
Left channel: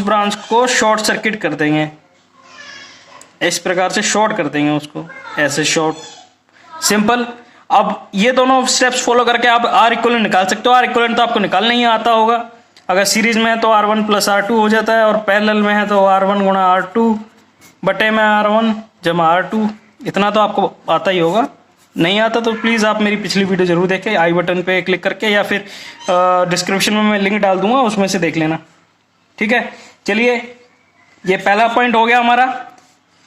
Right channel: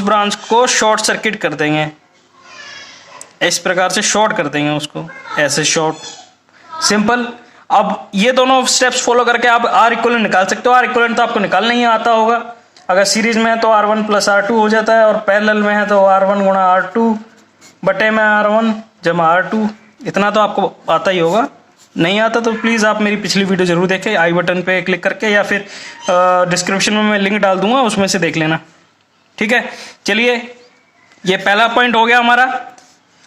ब्रांच को शॉर्ट सर्किट कर देंगे। इस प्रकार से शॉर्ट कर देंगे उसको, ऐसे शॉर्ट, सिंपल। अब ये दोनों स्टेप्स फॉलो करके आप आर इक्विवेलेंट निकाल सकते हो। आर इक्विवेलेंट तो आपको निकालना ही आता होगा। अगर सीरीज में है तो R1 + R2 हो जाता है, और पैरेलल में है तो R1 × R2 बटे में R1 जमा R2। इतना तो आपको आता ही होगा। नहीं आता तो प्लीज़ आप मेरी पिछली वीडियो जरूर देखें, आई बटन पे क्लिक करके, या फिर डिस्क्रिप्शन में मैं लिंक डाल दूंगा, उसमें से देख लेना। ठीक है, चलिए, ये पहला पॉइंट हो गया हमारा।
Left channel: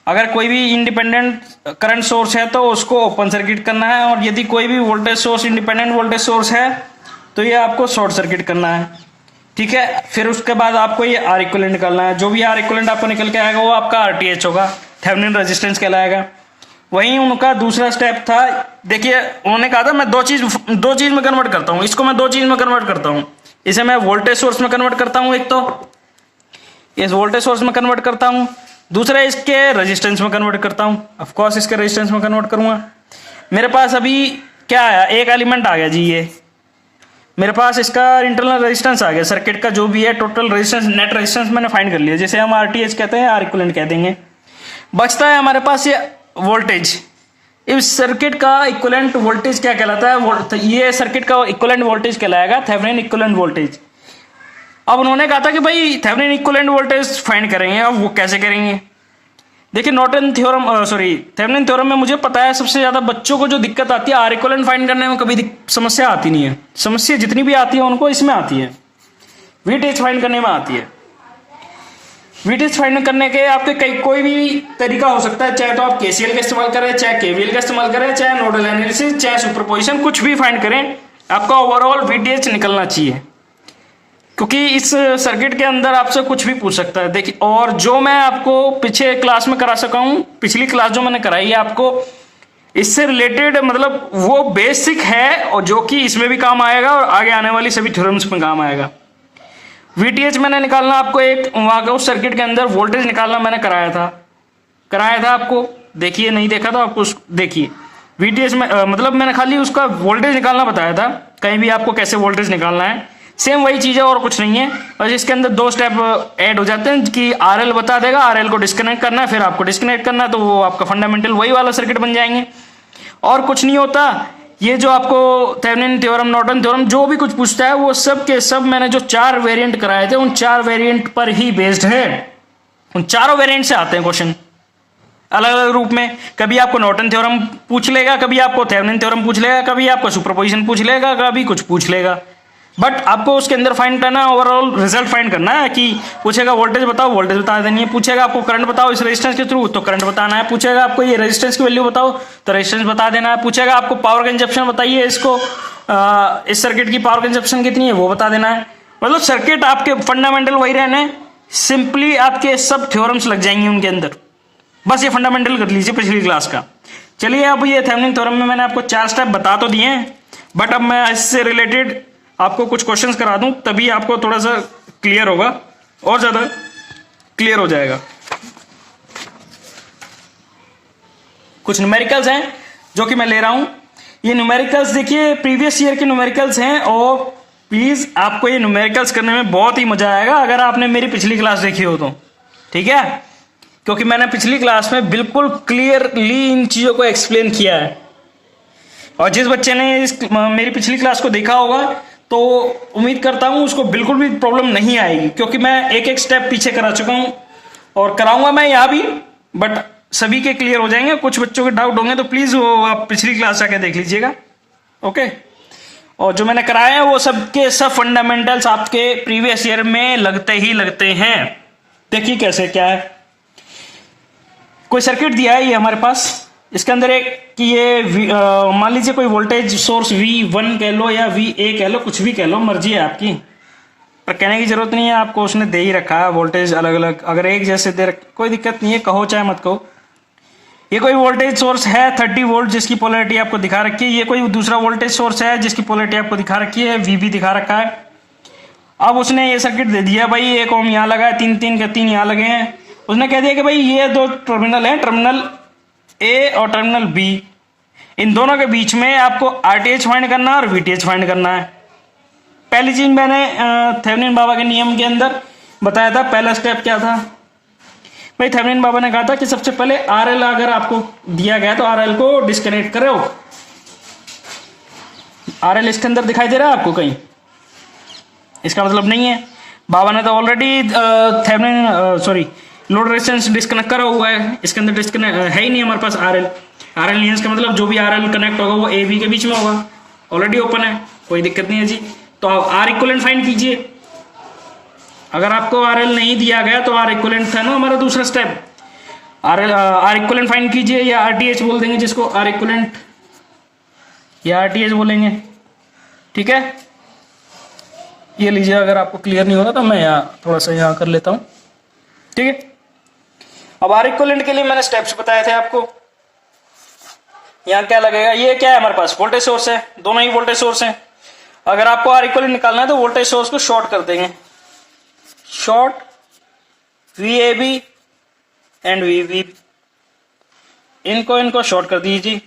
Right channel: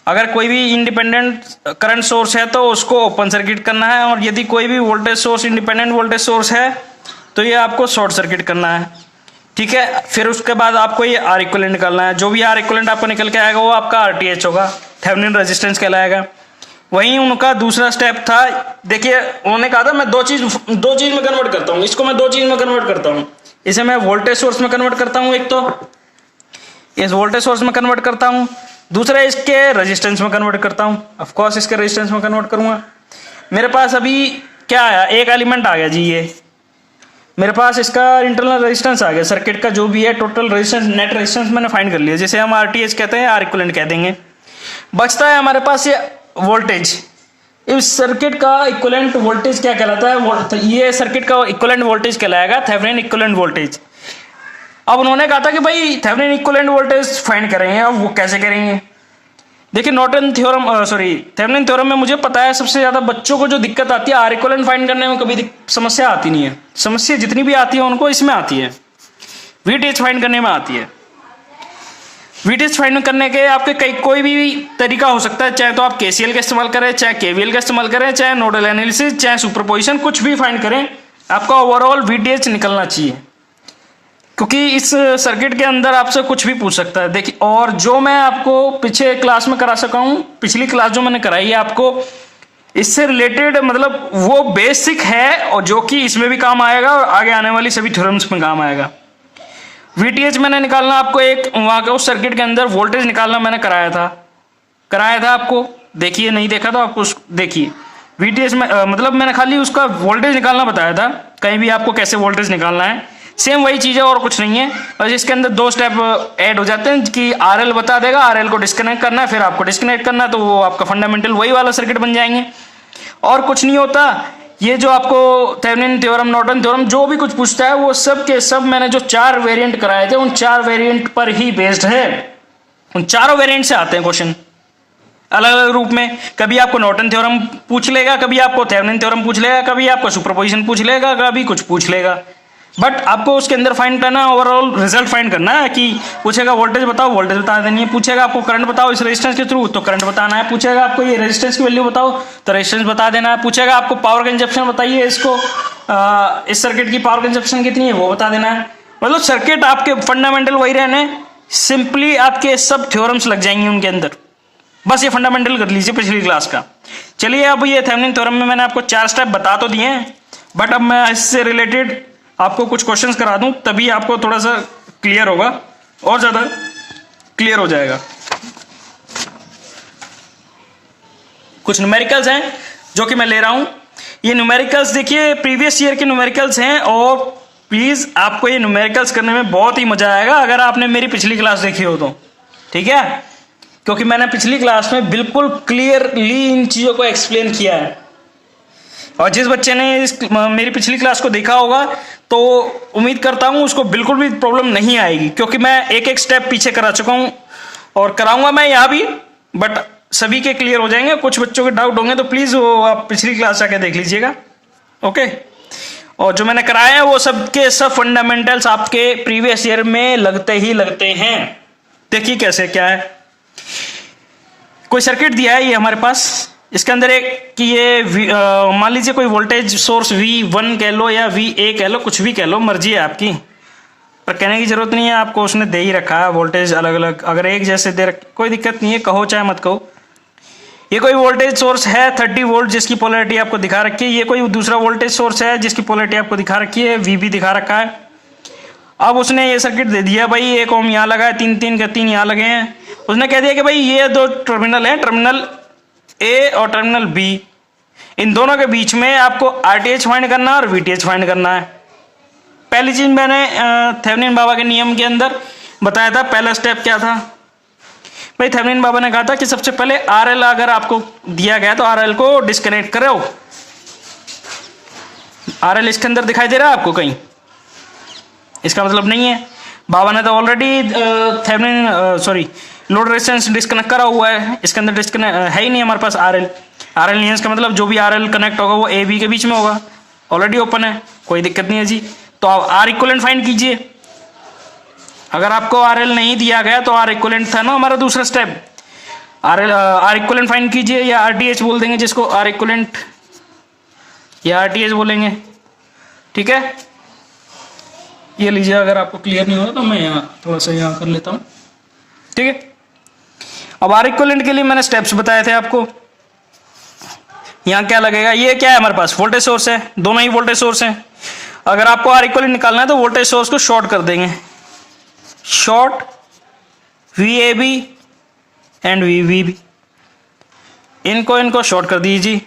अगर कोई भी इंडिपेंडेंट करंट सोर्स है तो उसको ओपन सर्किट करना है, और यदि कोई भी voltage source, independent voltage source है, तो ये आपको शॉर्ट सर्किट करना है। ठीक है, फिर उसके बाद आपको ये आर इक्विवेलेंट निकालना है। जो भी आर इक्विवेलेंट आपको निकल के आएगा वो आपका RTH होगा, थेवेनिन रेजिस्टेंस कहलाएगा। वहीं उनका दूसरा स्टेप था, देखिए उन्होंने कहा था मैं दो चीज में कन्वर्ट करता हूँ, इसको मैं दो चीज में कन्वर्ट करता हूँ। इसे मैं वोल्टेज सोर्स में कन्वर्ट करता हूँ, एक तो इस वोल्टेज सोर्स में कन्वर्ट करता हूँ, दूसरा इसके रेजिस्टेंस में कन्वर्ट करता हूँ। ऑफ कोर्स इसके रेजिस्टेंस में कन्वर्ट करूंगा। मेरे पास अभी क्या आया, एक एलिमेंट आ गया जी, ये मेरे पास इसका इंटरनल रेजिस्टेंस आ गया। सर्किट का जो भी है टोटल रेजिस्टेंस, नेट रेजिस्टेंस मैंने फाइंड कर लिया, जिसे हम RTH कहते हैं, आर इक्विवेलेंट कह देंगे। बचता है हमारे पास ये वोल्टेज। इस सर्किट का इक्विवेलेंट वोल्टेज क्या कहलाता है, ये सर्किट का इक्विवेलेंट वोल्टेज कहलाएगा थेवेनिन इक्विवेलेंट वोल्टेज। अब उन्होंने कहा था कि भाई थेवेनिन इक्विवेलेंट वोल्टेज फाइंड करेंगे। अब वो कैसे करेंगे, देखिए थेवेनिन थ्योरम में मुझे पता है सबसे ज्यादा बच्चों को जो दिक्कत आती है, आर इक्विवेलेंट फाइंड करने में कभी समस्या आती नहीं है। समस्या जितनी भी आती है उनको इसमें आती है, VTH फाइंड करने में आती है। VTH फाइंड करने के आपके कोई भी तरीका हो सकता है, चाहे तो आप KCL का इस्तेमाल करें, चाहे KVL का इस्तेमाल करें, चाहे नोडल एनालिसिस, चाहे सुपरपोजिशन, कुछ भी फाइंड करें, आपका ओवरऑल VTH निकलना चाहिए। क्योंकि इस सर्किट के अंदर आपसे कुछ भी पूछ सकता है। देखिए, और जो मैं आपको पीछे क्लास में करा सका हूं, पिछली क्लास जो मैंने कराई है आपको, इससे रिलेटेड मतलब वो बेसिक है, और जो कि इसमें भी काम आएगा और आगे आने वाली सभी थ्योरम्स में काम आएगा। VTH मैंने निकालना आपको, एक वहां के उस सर्किट के अंदर वोल्टेज निकालना मैंने कराया था आपको। देखिए, नहीं देखा तो आपको देखिए। VTH में मतलब मैंने खाली उसका वोल्टेज निकालना बताया था, कहीं भी आपको कैसे वोल्टेज निकालना है। सेम वही चीज है और कुछ नहीं है। और इसके अंदर दो स्टेप ऐड हो जाते हैं कि RL बता देगा, RL को डिस्कनेक्ट करना है, फिर आपको डिस्कनेक्ट करना है, तो वो आपका फंडामेंटल वही वाला सर्किट बन जाएंगे, और कुछ नहीं होता। ये जो आपको थेवेनिन थ्योरम, नॉर्टन थ्योरम, जो भी कुछ पूछता है वो सब के सब मैंने जो 4 वेरिएंट कराए थे, उन 4 वेरिएंट पर ही बेस्ड है। उन चारों वेरिएंट से आते हैं क्वेश्चन अलग अलग रूप में। कभी आपको नॉर्टन थ्योरम पूछ लेगा, कभी आपको थेवेनिन थ्योरम पूछ लेगा, कभी आपको सुपरपोजिशन पूछ लेगा, कभी कुछ पूछ लेगा। बट आपको उसके अंदर फाइंड करना, ओवरऑल रिजल्ट फाइंड करना है। कि पूछेगा वोल्टेज बताओ, वोल्टेज बता देनी है। पूछेगा आपको करंट बताओ इस रेजिस्टेंस के थ्रू, तो करंट बताना है। पूछेगा आपको ये रेजिस्टेंस की वैल्यू बताओ, तो रेजिस्टेंस बता देना है। पूछेगा आपको पावर कंजप्शन बताइए, इसको इस सर्किट की पावर कंजप्शन कितनी है वो बता देना है। मतलब सर्किट आपके फंडामेंटल वही रहने, सिंपली आपके सब थ्योरम्स लग जाएंगे उनके अंदर। बस ये फंडामेंटल कर लीजिए पिछली क्लास का। चलिए, अब ये थेवेनिन थ्योरम में मैंने आपको 4 स्टेप बता तो दिए हैं, बट अब मैं इससे रिलेटेड आपको कुछ क्वेश्चंस करा दूं, तभी आपको थोड़ा सा क्लियर होगा, और ज्यादा क्लियर हो जाएगा। कुछ न्यूमेरिकल्स हैं जो कि मैं ले रहा हूं। ये न्यूमेरिकल्स देखिए प्रीवियस ईयर के न्यूमेरिकल्स हैं, और प्लीज आपको ये न्यूमेरिकल्स करने में बहुत ही मजा आएगा अगर आपने मेरी पिछली क्लास देखी हो तो। ठीक है, क्योंकि मैंने पिछली क्लास में बिल्कुल क्लियरली इन चीजों को एक्सप्लेन किया है। और जिस बच्चे ने मेरी पिछली क्लास को देखा होगा तो उम्मीद करता हूं उसको बिल्कुल भी प्रॉब्लम नहीं आएगी, क्योंकि मैं एक एक स्टेप पीछे करा चुका हूं और कराऊंगा मैं यहां भी, बट सभी के क्लियर हो जाएंगे। कुछ बच्चों के डाउट होंगे तो प्लीज वो आप पिछली क्लास जाके देख लीजिएगा। ओके, और जो मैंने कराया है वो सबके सब फंडामेंटल्स आपके प्रीवियस ईयर में लगते हैं। देखिए कैसे क्या है। कोई सर्किट दिया है ये हमारे पास, इसके अंदर एक कि ये मान लीजिए कोई वोल्टेज सोर्स V1 कह लो या VA कह लो, कुछ भी कह लो, मर्जी है आपकी, पर कहने की जरूरत नहीं है आपको, उसने दे ही रखा है वोल्टेज अलग अलग। अगर एक जैसे दे कोई दिक्कत नहीं है, कहो चाहे मत कहो। ये कोई वोल्टेज सोर्स है 30 वोल्ट जिसकी पोलैरिटी आपको दिखा रखी है। ये कोई दूसरा वोल्टेज सोर्स है जिसकी पोलैरिटी आपको दिखा रखी है, VB दिखा रखा है। अब उसने ये सर्किट दे दिया भाई, 1 ओम यहाँ लगा है, 3 यहाँ लगे हैं। उसने कह दिया कि भाई ये 2 टर्मिनल है, टर्मिनल ए और टर्मिनल बी, इन दोनों के बीच में आपको आरटीएच फाइंड करना है और वीटीएच फाइंड करना है। पहली चीज मैंने थेवेनिन बाबा के नियम के अंदर बताया था, पहला स्टेप क्या था भाई, थेवेनिन बाबा ने कहा था कि सबसे पहले आरएल अगर आपको दिया गया तो आरएल को डिस्कनेक्ट करो। आरएल इसके अंदर दिखाई दे रहा है आपको कहीं? इसका मतलब नहीं है, बाबा ने तो already Thevenin load resistance disconnect करा हुआ है, इसके अंदर डिस्कनेक्ट है ही नहीं हमारे पास आरएल। आरएल नहीं है इसका मतलब जो भी आरएल कनेक्ट होगा वो ए बी के बीच में होगा, ऑलरेडी ओपन है, कोई दिक्कत नहीं है जी। तो आप आर इक्विवेलेंट फाइंड कीजिए। अगर आपको आरएल नहीं दिया गया तो आर इक्विवेलेंट था ना हमारा दूसरा स्टेप, आर इक्विवेलेंट फाइंड कीजिए, या आरटीएच बोल देंगे जिसको, आर इक्विवेलेंट या आरटीएच बोलेंगे, ठीक है। ये लीजिए, अगर आपको क्लियर नहीं हो रहा तो मैं यहाँ थोड़ा सा यहाँ कर लेता हूँ, ठीक है। अब आर इक्विवेलेंट के लिए मैंने स्टेप्स बताए थे आपको। यहाँ क्या लगेगा, ये क्या है हमारे पास, वोल्टेज सोर्स है, दोनों ही वोल्टेज सोर्स हैं। अगर आपको आर इक्विवेलेंट निकालना है तो वोल्टेज सोर्स को शॉर्ट कर देंगे, शॉर्ट VAB एंड VBB, इनको शॉर्ट कर दीजिए,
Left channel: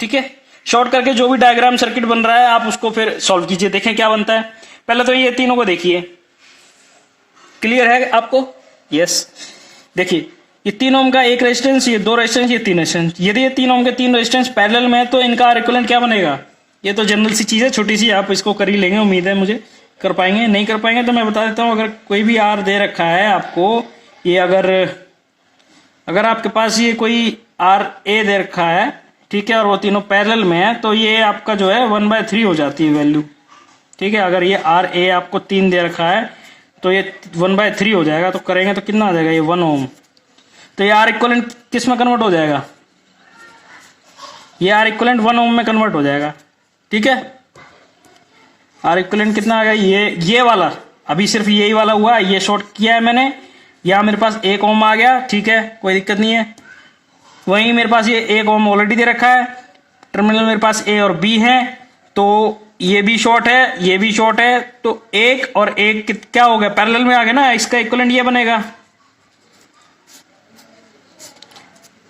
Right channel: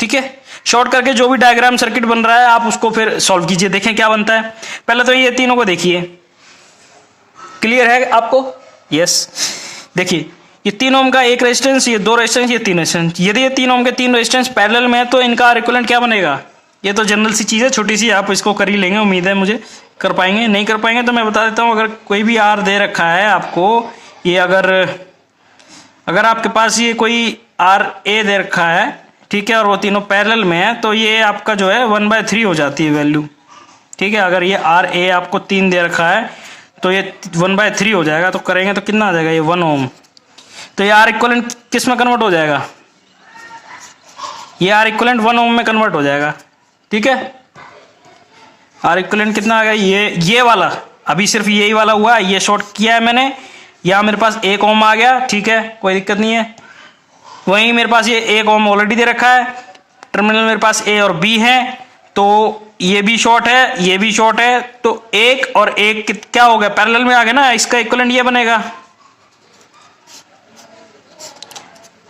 ठीक है। शॉर्ट करके जो भी डायग्राम सर्किट बन रहा है आप उसको फिर सॉल्व कीजिए, देखें क्या बनता है। पहले तो ये तीनों को देखिए, क्लियर है आपको? यस। देखिए ये 3 ओम का एक रेजिस्टेंस, ये 2 रेजिस्टेंस, ये 3 रेजिस्टेंस। यदि ये 3 ओम के 3 रेजिस्टेंस पैरेलल में है तो इनका आर इक्विवेलेंट क्या बनेगा? ये तो जनरल सी चीज है, छोटी सी, आप इसको कर ही लेंगे, उम्मीद है मुझे कर पाएंगे। नहीं कर पाएंगे तो मैं बता देता हूँ, अगर कोई भी आर दे रखा है आपको, ये अगर आपके पास ये कोई आर ए दे रखा है, ठीक है, और वो तीनों पैरेलल में है, तो ये आपका जो है 1/3 हो जाती है वैल्यू, ठीक है। अगर ये आर ए आपको 3 दे रखा है तो ये 1/3 हो जाएगा, तो करेंगे तो कितना आ जाएगा, ये 1 ओम। तो ये आर इक्विवेलेंट किस में कन्वर्ट हो जाएगा? ये आर इक्विवेलेंट 1 ओम में कन्वर्ट हो जाएगा, ठीक है। आर इक्विवेलेंट कितना आ गया, ये वाला, अभी सिर्फ यही वाला हुआ, ये शॉर्ट किया है मैंने, यहाँ मेरे पास 1 ओम आ गया, ठीक है, कोई दिक्कत नहीं है। वहीं मेरे पास ये 1 ओम ऑलरेडी दे रखा है, टर्मिनल मेरे पास ए और बी है, तो ये भी शॉर्ट है, ये भी शॉर्ट है, तो 1 और 1 क्या हो गया, पैरेलल में आ गया ना, इसका इक्विवेलेंट ये बनेगा,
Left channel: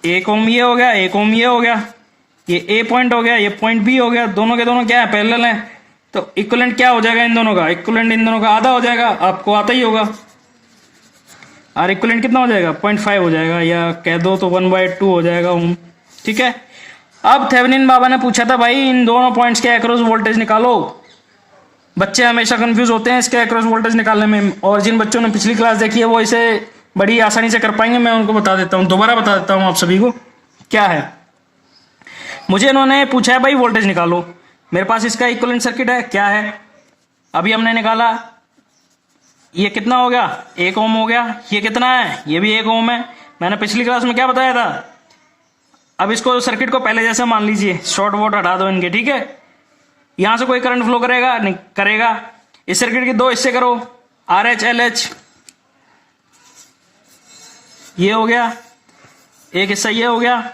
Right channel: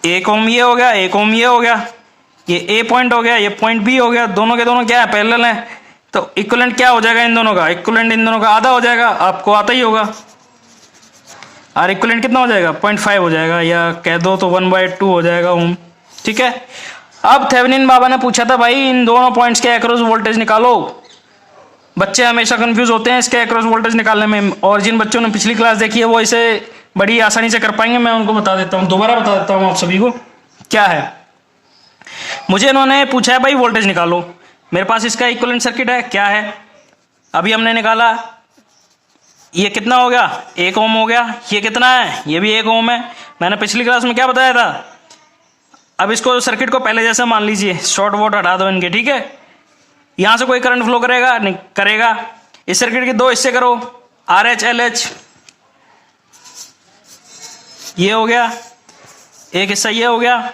1 ओम ये हो गया, 1 ओम ये हो गया, ये ए पॉइंट हो गया, ये पॉइंट बी हो गया, दोनों के दोनों क्या है, पैरेलल है, तो इक्विवेलेंट क्या हो जाएगा इन दोनों का, इक्विवेलेंट इन दोनों का आधा हो जाएगा, आपको आता ही होगा। आर इक्विवेलेंट कितना हो जाएगा, 0.5 हो जाएगा, या कह दो तो 1/2 हो जाएगा ओम, ठीक है। अब थेवेनिन बाबा ने पूछा था भाई इन दोनों पॉइंट्स के अक्रॉस वोल्टेज निकालो। बच्चे हमेशा कंफ्यूज होते हैं इसके अक्रॉस वोल्टेज निकालने में, और जिन बच्चों ने पिछली क्लास देखी है वो इसे बड़ी आसानी से कर पाएंगे। मैं उनको बता देता हूँ, दोबारा बता देता हूँ आप सभी को क्या है। मुझे इन्होंने पूछा है भाई वोल्टेज निकालो, मेरे पास इसका इक्विवेलेंट सर्किट है, क्या है, अभी हमने निकाला, ये कितना हो गया, 1 ओम हो गया, ये कितना है, ये भी 1 ओम है। मैंने पिछली क्लास में क्या बताया था, अब इसको सर्किट को पहले जैसा मान लीजिए, शॉर्ट वोट हटा दो इनके, ठीक है। यहां से कोई करंट फ्लो करेगा नहीं करेगा, इस सर्किट के 2 हिस्से करो, RH LH, ये हो गया एक हिस्सा, ये हो गया।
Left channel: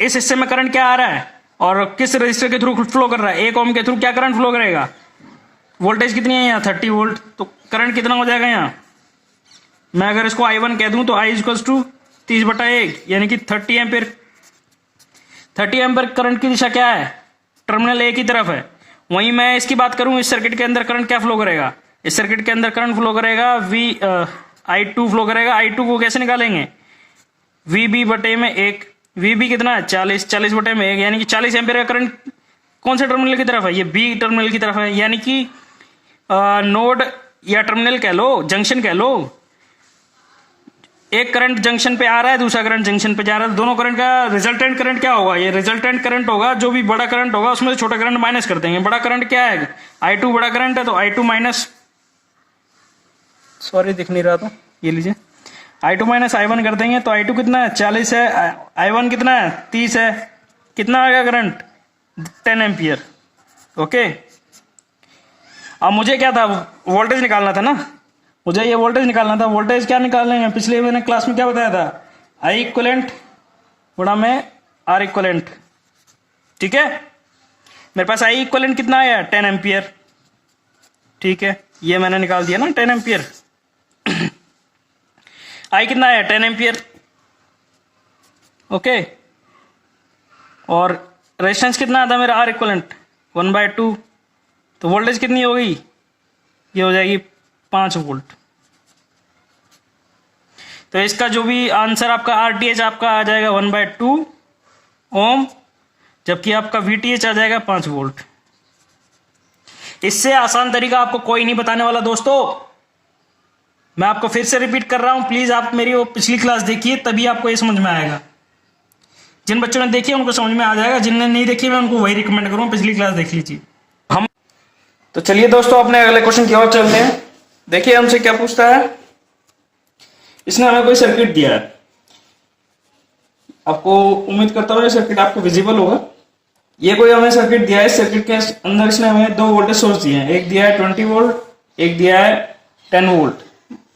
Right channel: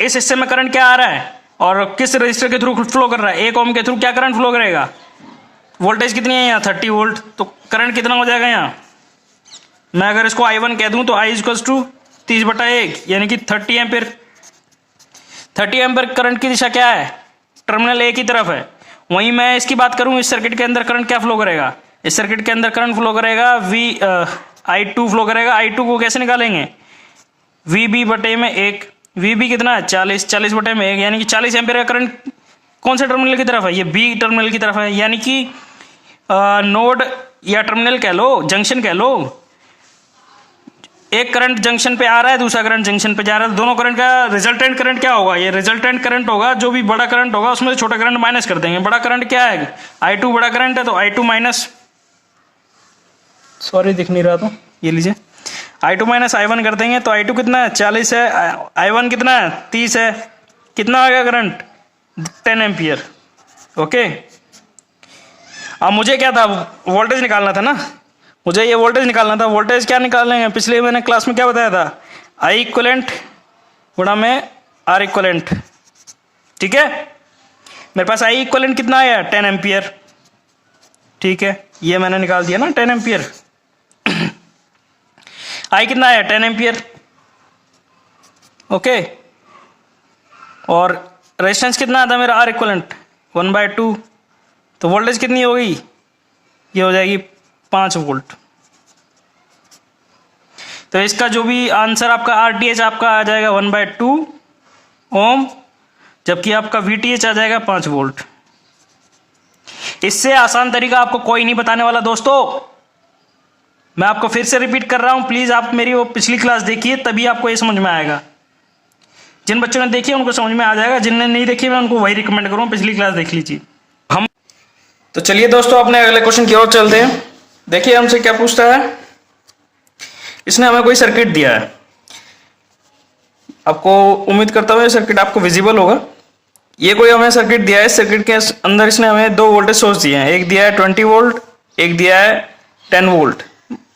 इस हिस्से में करंट क्या आ रहा है और किस रजिस्टर के थ्रू फ्लो कर रहा है, 1 ओम के थ्रू क्या करंट फ्लो करेगा, वोल्टेज कितनी है यहाँ 30 वोल्ट, तो करंट कितना हो जाएगा यहाँ, मैं अगर इसको I1 कह दूं तो I = 30/1 यानी कि 30 एम्पीयर। 30 एम्पीयर करंट की दिशा क्या है, टर्मिनल ए की तरफ है। वहीं मैं इसकी बात करूं, इस सर्किट के अंदर करंट क्या फ्लो करेगा, इस सर्किट के अंदर करंट फ्लो करेगा I2 फ्लो करेगा। I2 को कैसे निकालेंगे, VB/1, VB कितना है 40/1 यानी कि 40 एम्पीयर का करंट कौन से टर्मिनल की तरफ है, ये बी टर्मिनल की तरफ है, यानी कि नोड या टर्मिनल कह लो, जंक्शन कह लो, एक करंट जंक्शन पे आ रहा है, दूसरा करंट जंक्शन पे जा रहा है, दोनों करंट का रिजल्टेंट करंट क्या होगा, ये रिजल्टेंट करंट होगा, जो भी बड़ा करंट होगा उसमें छोटा करंट माइनस कर देंगे। बड़ा करंट क्या है, I2 बड़ा करंट है, तो I2 माइनस, सॉरी दिख नहीं रहा, तो ये लीजिए I2 माइनस I1 कर देंगे, तो I2 कितना है 40 है, I1 कितना है 30 है, कितना आ गया करंट 10 एम्पियर। ओके, अब मुझे क्या था, वोल्टेज निकालना था ना, मुझे ये वोल्टेज निकालना था। वोल्टेज क्या निकालेंगे, पिछले मैंने क्लास में क्या बताया था, I इक्विवेलेंट गुणा में R इक्विवेलेंट, ठीक है। मेरे पास I इक्विवेलेंट कितना आया 10 एम्पियर, ठीक है, ये मैंने निकाल दिया ना 10 एम्पियर। I कितना है 10 एम्पियर, ओके, और रेजिस्टेंस कितना आता है मेरा आर इक्वलेंट 1/2, तो वोल्टेज कितनी हो गई, ये हो जाएगी 5 वोल्ट। तो इसका जो भी आंसर आपका आरटीएच आपका आ जाएगा 1/2 ओम, जबकि आपका वीटीएच आ जाएगा 5 वोल्ट। इससे आसान तरीका आपको कोई नहीं बताने वाला दोस्तों। मैं आपको फिर से रिपीट कर रहा हूं, प्लीज आप मेरी वो पिछली क्लास देखिए, तभी आपको ये समझ में आएगा। जिन बच्चों ने देखी है उनको समझ में आ जाएगा, जिनने नहीं देखी मैं उनको वही रिकमेंड करूंगा, पिछली क्लास देख लीजिए। हम तो चलिए दोस्तों अपने अगले क्वेश्चन की ओर चलते हैं। देखिए हमसे क्या पूछता है। इसने हमें कोई सर्किट दिया है, आपको उम्मीद करता हूं ये सर्किट आपको विजिबल होगा। ये कोई हमें सर्किट दिया है, सर्किट के अंदर इसने हमें 2 वोल्टेज सोर्स दिए हैं, एक दिया है 20 वोल्ट, एक दिया है 10 वोल्ट।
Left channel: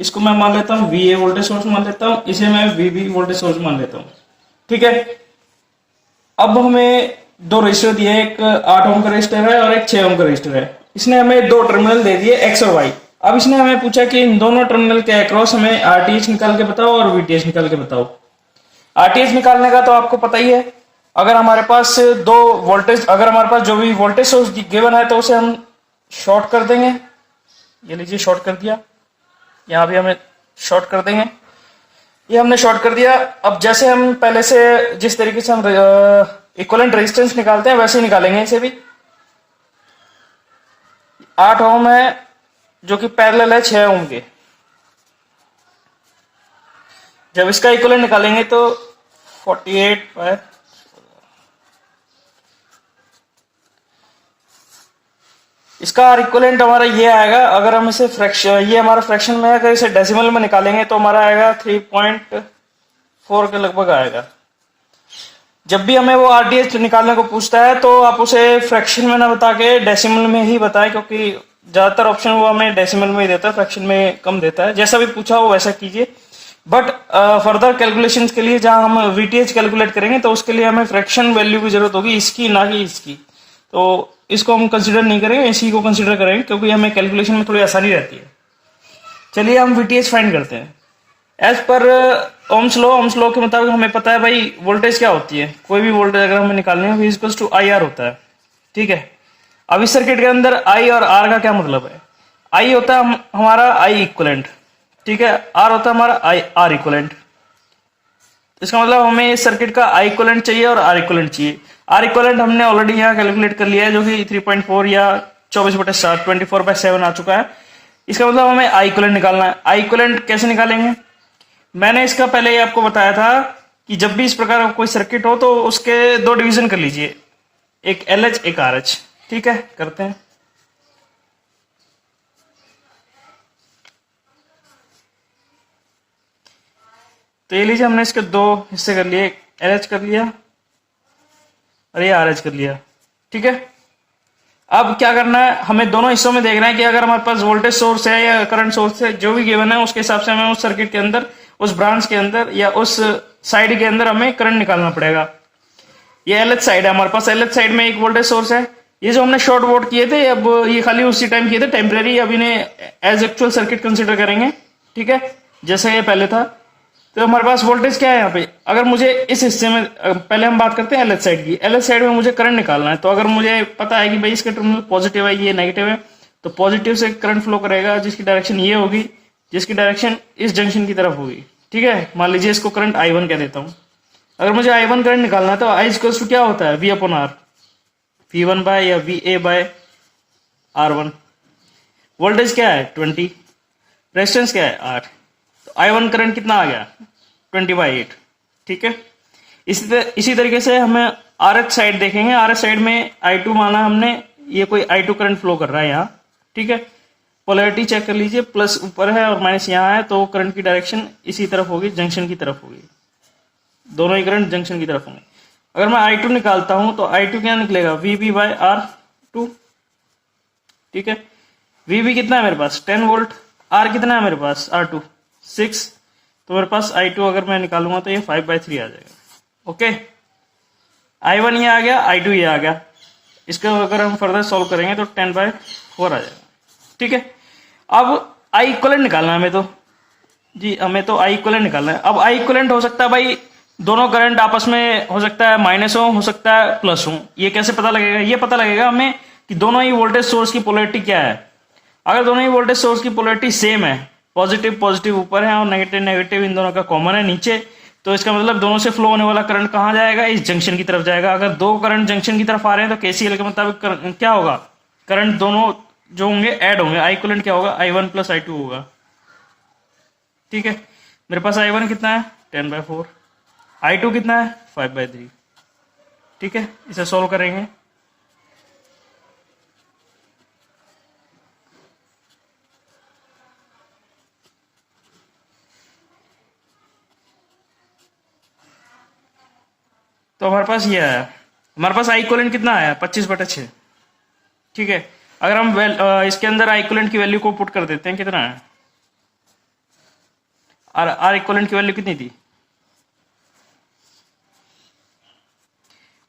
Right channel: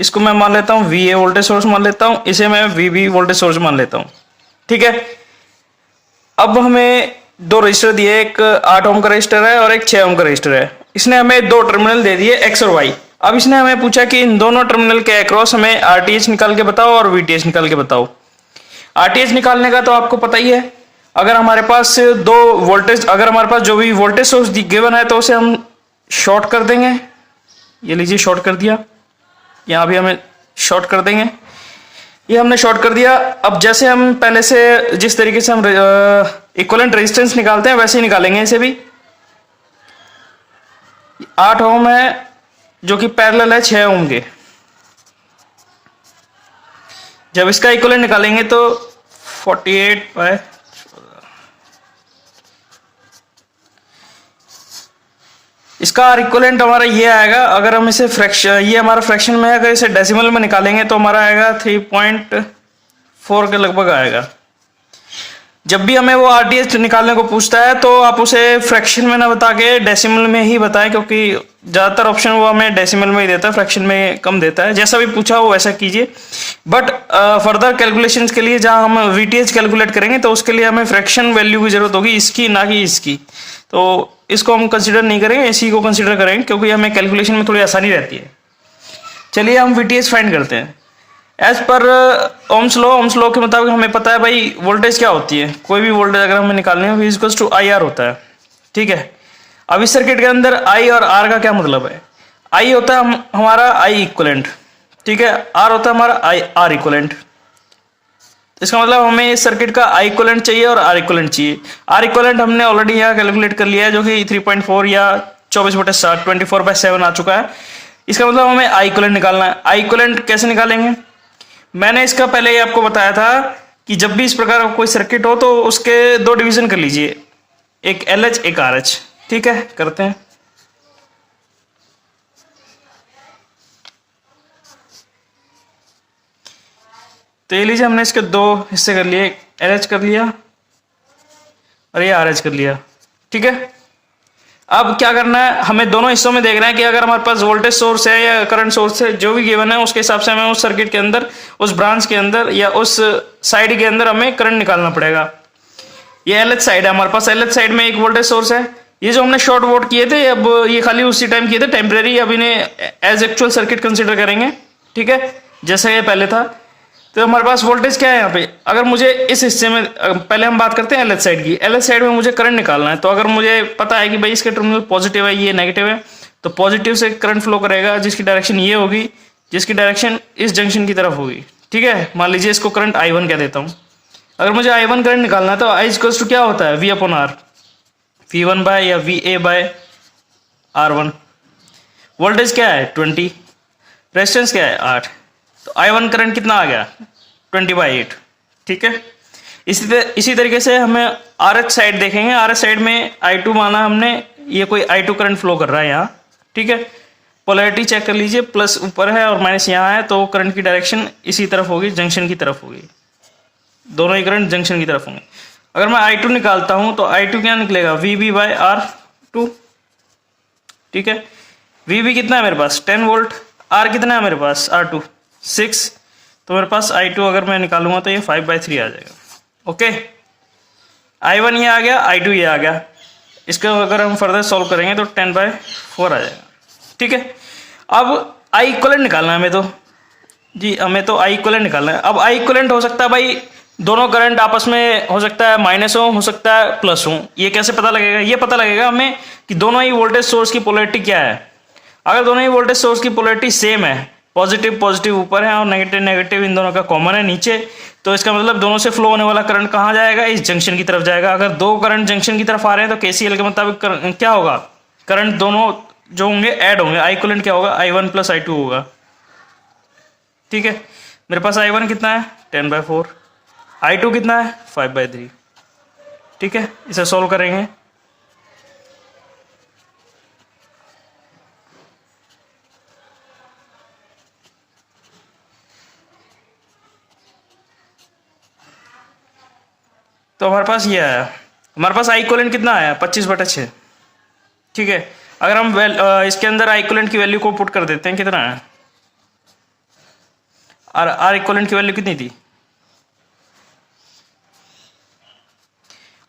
इसको मैं मान लेता हूं VA वोल्टेज सोर्स मान लेता हूं, इसे मैं VB वोल्टेज सोर्स मान लेता हूं, ठीक है। अब हमें 2 रजिस्टर दिए, एक 8 ओम का रजिस्टर है और एक 6 ओम का रजिस्टर है। इसने हमें 2 टर्मिनल दे दिए X और Y। अब इसने हमें पूछा कि इन दोनों टर्मिनल के अक्रॉस हमें RTH निकाल के बताओ और VTH निकाल के बताओ। RTH निकालने का तो आपको पता ही है, अगर हमारे पास 2 वोल्टेज, अगर हमारे पास जो भी वोल्टेज सोर्स गिवन है तो उसे हम शॉर्ट कर देंगे। ये लीजिए शॉर्ट कर दिया, यहाँ भी हमें शॉर्ट कर देंगे, ये हमने शॉर्ट कर दिया। अब जैसे हम पहले से जिस तरीके से हम इक्विवेलेंट रेजिस्टेंस निकालते हैं वैसे ही निकालेंगे इसे भी। 8 ओम है जो कि पैरेलल है 6 ओम के। जब इसका इक्विवेलेंट निकालेंगे तो 48/, इसका आर इक्विवेलेंट हमारा ये आएगा। अगर हम इसे फ्रैक्शन, ये हमारा फ्रैक्शन में है, अगर इसे डेसिमल में निकालेंगे तो हमारा आएगा 3.4 के लगभग आएगा। जब भी हमें वो आरटीएच निकालने को पूछता है तो आप उसे फ्रैक्शन में ना बता के डेसिमल में ही बताएं, क्योंकि ज्यादातर ऑप्शन वो हमें डेसिमल में ही देता है, फ्रैक्शन में कम देता है। जैसा भी पूछा हो वैसा कीजिए। बट फर्दर कैलकुलेशंस के लिए जहां हम वीटीएच कैलकुलेट करेंगे तो उसके लिए हमें फ्रैक्शन वैल्यू की जरूरत होगी, इसकी ना कि इसकी। तो इसको हम कंसिडर नहीं करेंगे, इसी को कंसिडर करेंगे, क्योंकि हमें कैलकुलेशन में थोड़ी आसानी रहती है। चलिए हम वीटीएच फाइंड करते हैं। एज पर ओम्स लॉ के मुताबिक हमें पता है भाई वोल्टेज क्या होती है। कोई भी वोल्टेज अगर हमें निकालनी है V इक्वल्स टू IR होता है, ठीक है। अब इस सर्किट के अंदर I और R का क्या मतलब है। I होता है हमारा I इक्विवेलेंट, ठीक है। R होता है हमारा R इक्विवेलेंट। इसका मतलब हमें इस सर्किट का I इक्विवेलेंट चाहिए और R इक्विवेलेंट चाहिए। R इक्विवेलेंट हमने ऑलरेडी यहाँ कैलकुलेट कर लिया है, जो कि 3.4 या 24/7 24/7 आ चुका है। इसका मतलब हमें I इक्विवेलेंट निकालना है। I इक्विवेलेंट कैसे निकालेंगे, मैंने इसका पहले ही आपको बताया था कि जब भी इस प्रकार का कोई सर्किट हो तो उसके 2 डिवीजन कर लीजिए, एक LH एक RH, ठीक है। करते हैं। तो ये लीजिए हमने इसके 2 हिस्से कर लिए, LH कर लिया और ये RH कर लिया, ठीक है। अब क्या करना है, हमें दोनों हिस्सों में देखना है कि अगर हमारे पास वोल्टेज सोर्स है या करंट सोर्स है, जो भी गिवन है उसके हिसाब से हमें उस सर्किट के अंदर, उस ब्रांच के अंदर या उस साइड के अंदर हमें करंट निकालना पड़ेगा। ये LH साइड है हमारे पास, LH साइड में एक वोल्टेज सोर्स है। ये जो हमने शॉर्ट वोट किए थे, अब ये खाली उसी टाइम किए थे, टेम्परेरी। अब इन्हें एज एक्चुअल सर्किट कंसिडर करेंगे, ठीक है, जैसे ये पहले था। तो हमारे पास वोल्टेज क्या है यहाँ पे, अगर मुझे इस हिस्से में, पहले हम बात करते हैं LH साइड की। LH साइड में मुझे करंट निकालना है, तो अगर मुझे पता है कि भाई इसके टर्मिनल पॉजिटिव है, ये नेगेटिव है, तो पॉजिटिव से करंट फ्लो करेगा जिसकी डायरेक्शन ये होगी, जिसकी डायरेक्शन इस जंक्शन की तरफ होगी, ठीक है। मान लीजिए इसको करंट I1 कह देता हूँ। अगर मुझे I1 करंट निकालना है तो I इक्वल्स टू क्या होता है, V/R, V1 बाय या VA/R1। वोल्टेज क्या है 20, रेजिस्टेंस क्या है 8, तो I1 करंट कितना आ गया 20/8, ठीक है। इसी तरीके से हमें RH साइड देखेंगे। RH साइड में I2 माना हमने, ये कोई I2 करंट फ्लो कर रहा है यहाँ, ठीक है। पोलैरिटी चेक कर लीजिए, प्लस ऊपर है और माइनस यहाँ है, तो करंट की डायरेक्शन इसी तरफ होगी, जंक्शन की तरफ होगी। दोनों ही करंट जंक्शन की तरफ होंगे। अगर मैं I2 निकालता हूं तो I2 क्या निकलेगा, VB/R2, ठीक है। VB कितना है मेरे पास 10 वोल्ट, R कितना है मेरे पास R2 6, तो मेरे पास I2 अगर मैं निकालूंगा तो ये 5/3 आ जाएगा, ओके। I1 ये आ गया, I2 ये आ गया। इसको अगर हम फर्दर सॉल्व करेंगे तो 10/4 आ जाएगा, ठीक है। अब I इक्विवेलेंट निकालना है हमें, तो जी हमें तो I इक्विवेलेंट निकालना है। अब I इक्विवेलेंट हो सकता है भाई दोनों करंट आपस में हो सकता है माइनस हो सकता है प्लस हो। ये कैसे पता लगेगा? ये पता लगेगा हमें कि दोनों ही वोल्टेज सोर्स की पोलैरिटी क्या है। अगर दोनों ही वोल्टेज सोर्स की पोलैरिटी सेम है, पॉजिटिव पॉजिटिव ऊपर है और नेगेटिव नेगेटिव इन दोनों का कॉमन है नीचे, तो इसका मतलब दोनों से फ्लो होने वाला करंट कहाँ जाएगा? इस जंक्शन की तरफ जाएगा। अगर दो करंट जंक्शन की तरफ आ रहे हैं तो केसीएल के मुताबिक क्या होगा? करंट दोनों जो होंगे ऐड होंगे। आई इक्विवेलेंट क्या होगा? I1 प्लस I2 होगा। ठीक है, मेरे पास I1 कितना है? 10/4। I2 कितना है? 5/3। ठीक है, इसे सॉल्व करेंगे। तो हमारे पास ये आया, हमारे पास आई इक्विवेलेंट कितना आया? 25/6। ठीक है, अगर हम इसके अंदर आई इक्विवेलेंट की वैल्यू को पुट कर देते हैं, कितना है? आर इक्विवेलेंट की वैल्यू कितनी थी?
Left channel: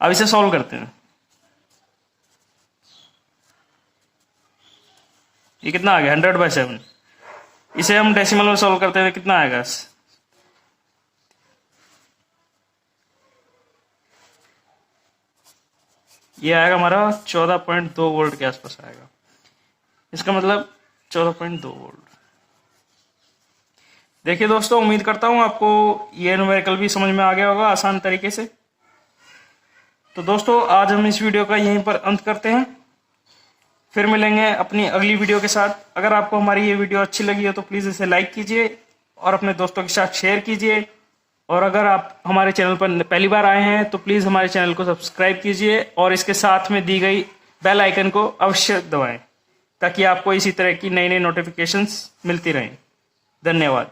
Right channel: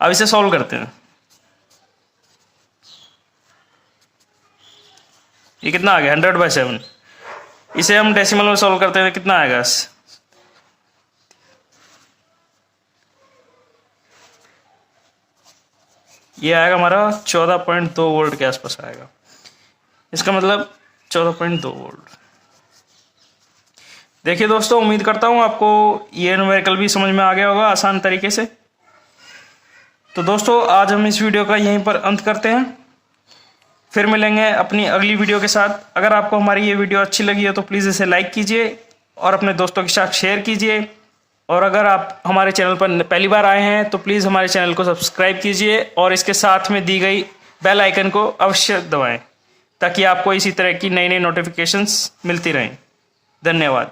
अब इसे सॉल्व करते हैं। ये कितना आ गया? 100/7। इसे हम डेसिमल में सॉल्व करते हैं, कितना आएगा? ये आएगा हमारा 14.2 वोल्ट के आसपास आएगा। इसका मतलब 14.2 वोल्ट। देखिए दोस्तों, उम्मीद करता हूँ आपको ये न्यूमेरिकल भी समझ में आ गया होगा आसान तरीके से। तो दोस्तों, आज हम इस वीडियो का यहीं पर अंत करते हैं। फिर मिलेंगे अपनी अगली वीडियो के साथ। अगर आपको हमारी ये वीडियो अच्छी लगी हो तो प्लीज़ इसे लाइक कीजिए और अपने दोस्तों के साथ शेयर कीजिए। और अगर आप हमारे चैनल पर पहली बार आए हैं तो प्लीज़ हमारे चैनल को सब्सक्राइब कीजिए और इसके साथ में दी गई बेल आइकन को अवश्य दबाएं, ताकि आपको इसी तरह की नई नई नोटिफिकेशंस मिलती रहें। धन्यवाद।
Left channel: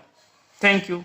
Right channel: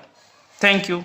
Thank you.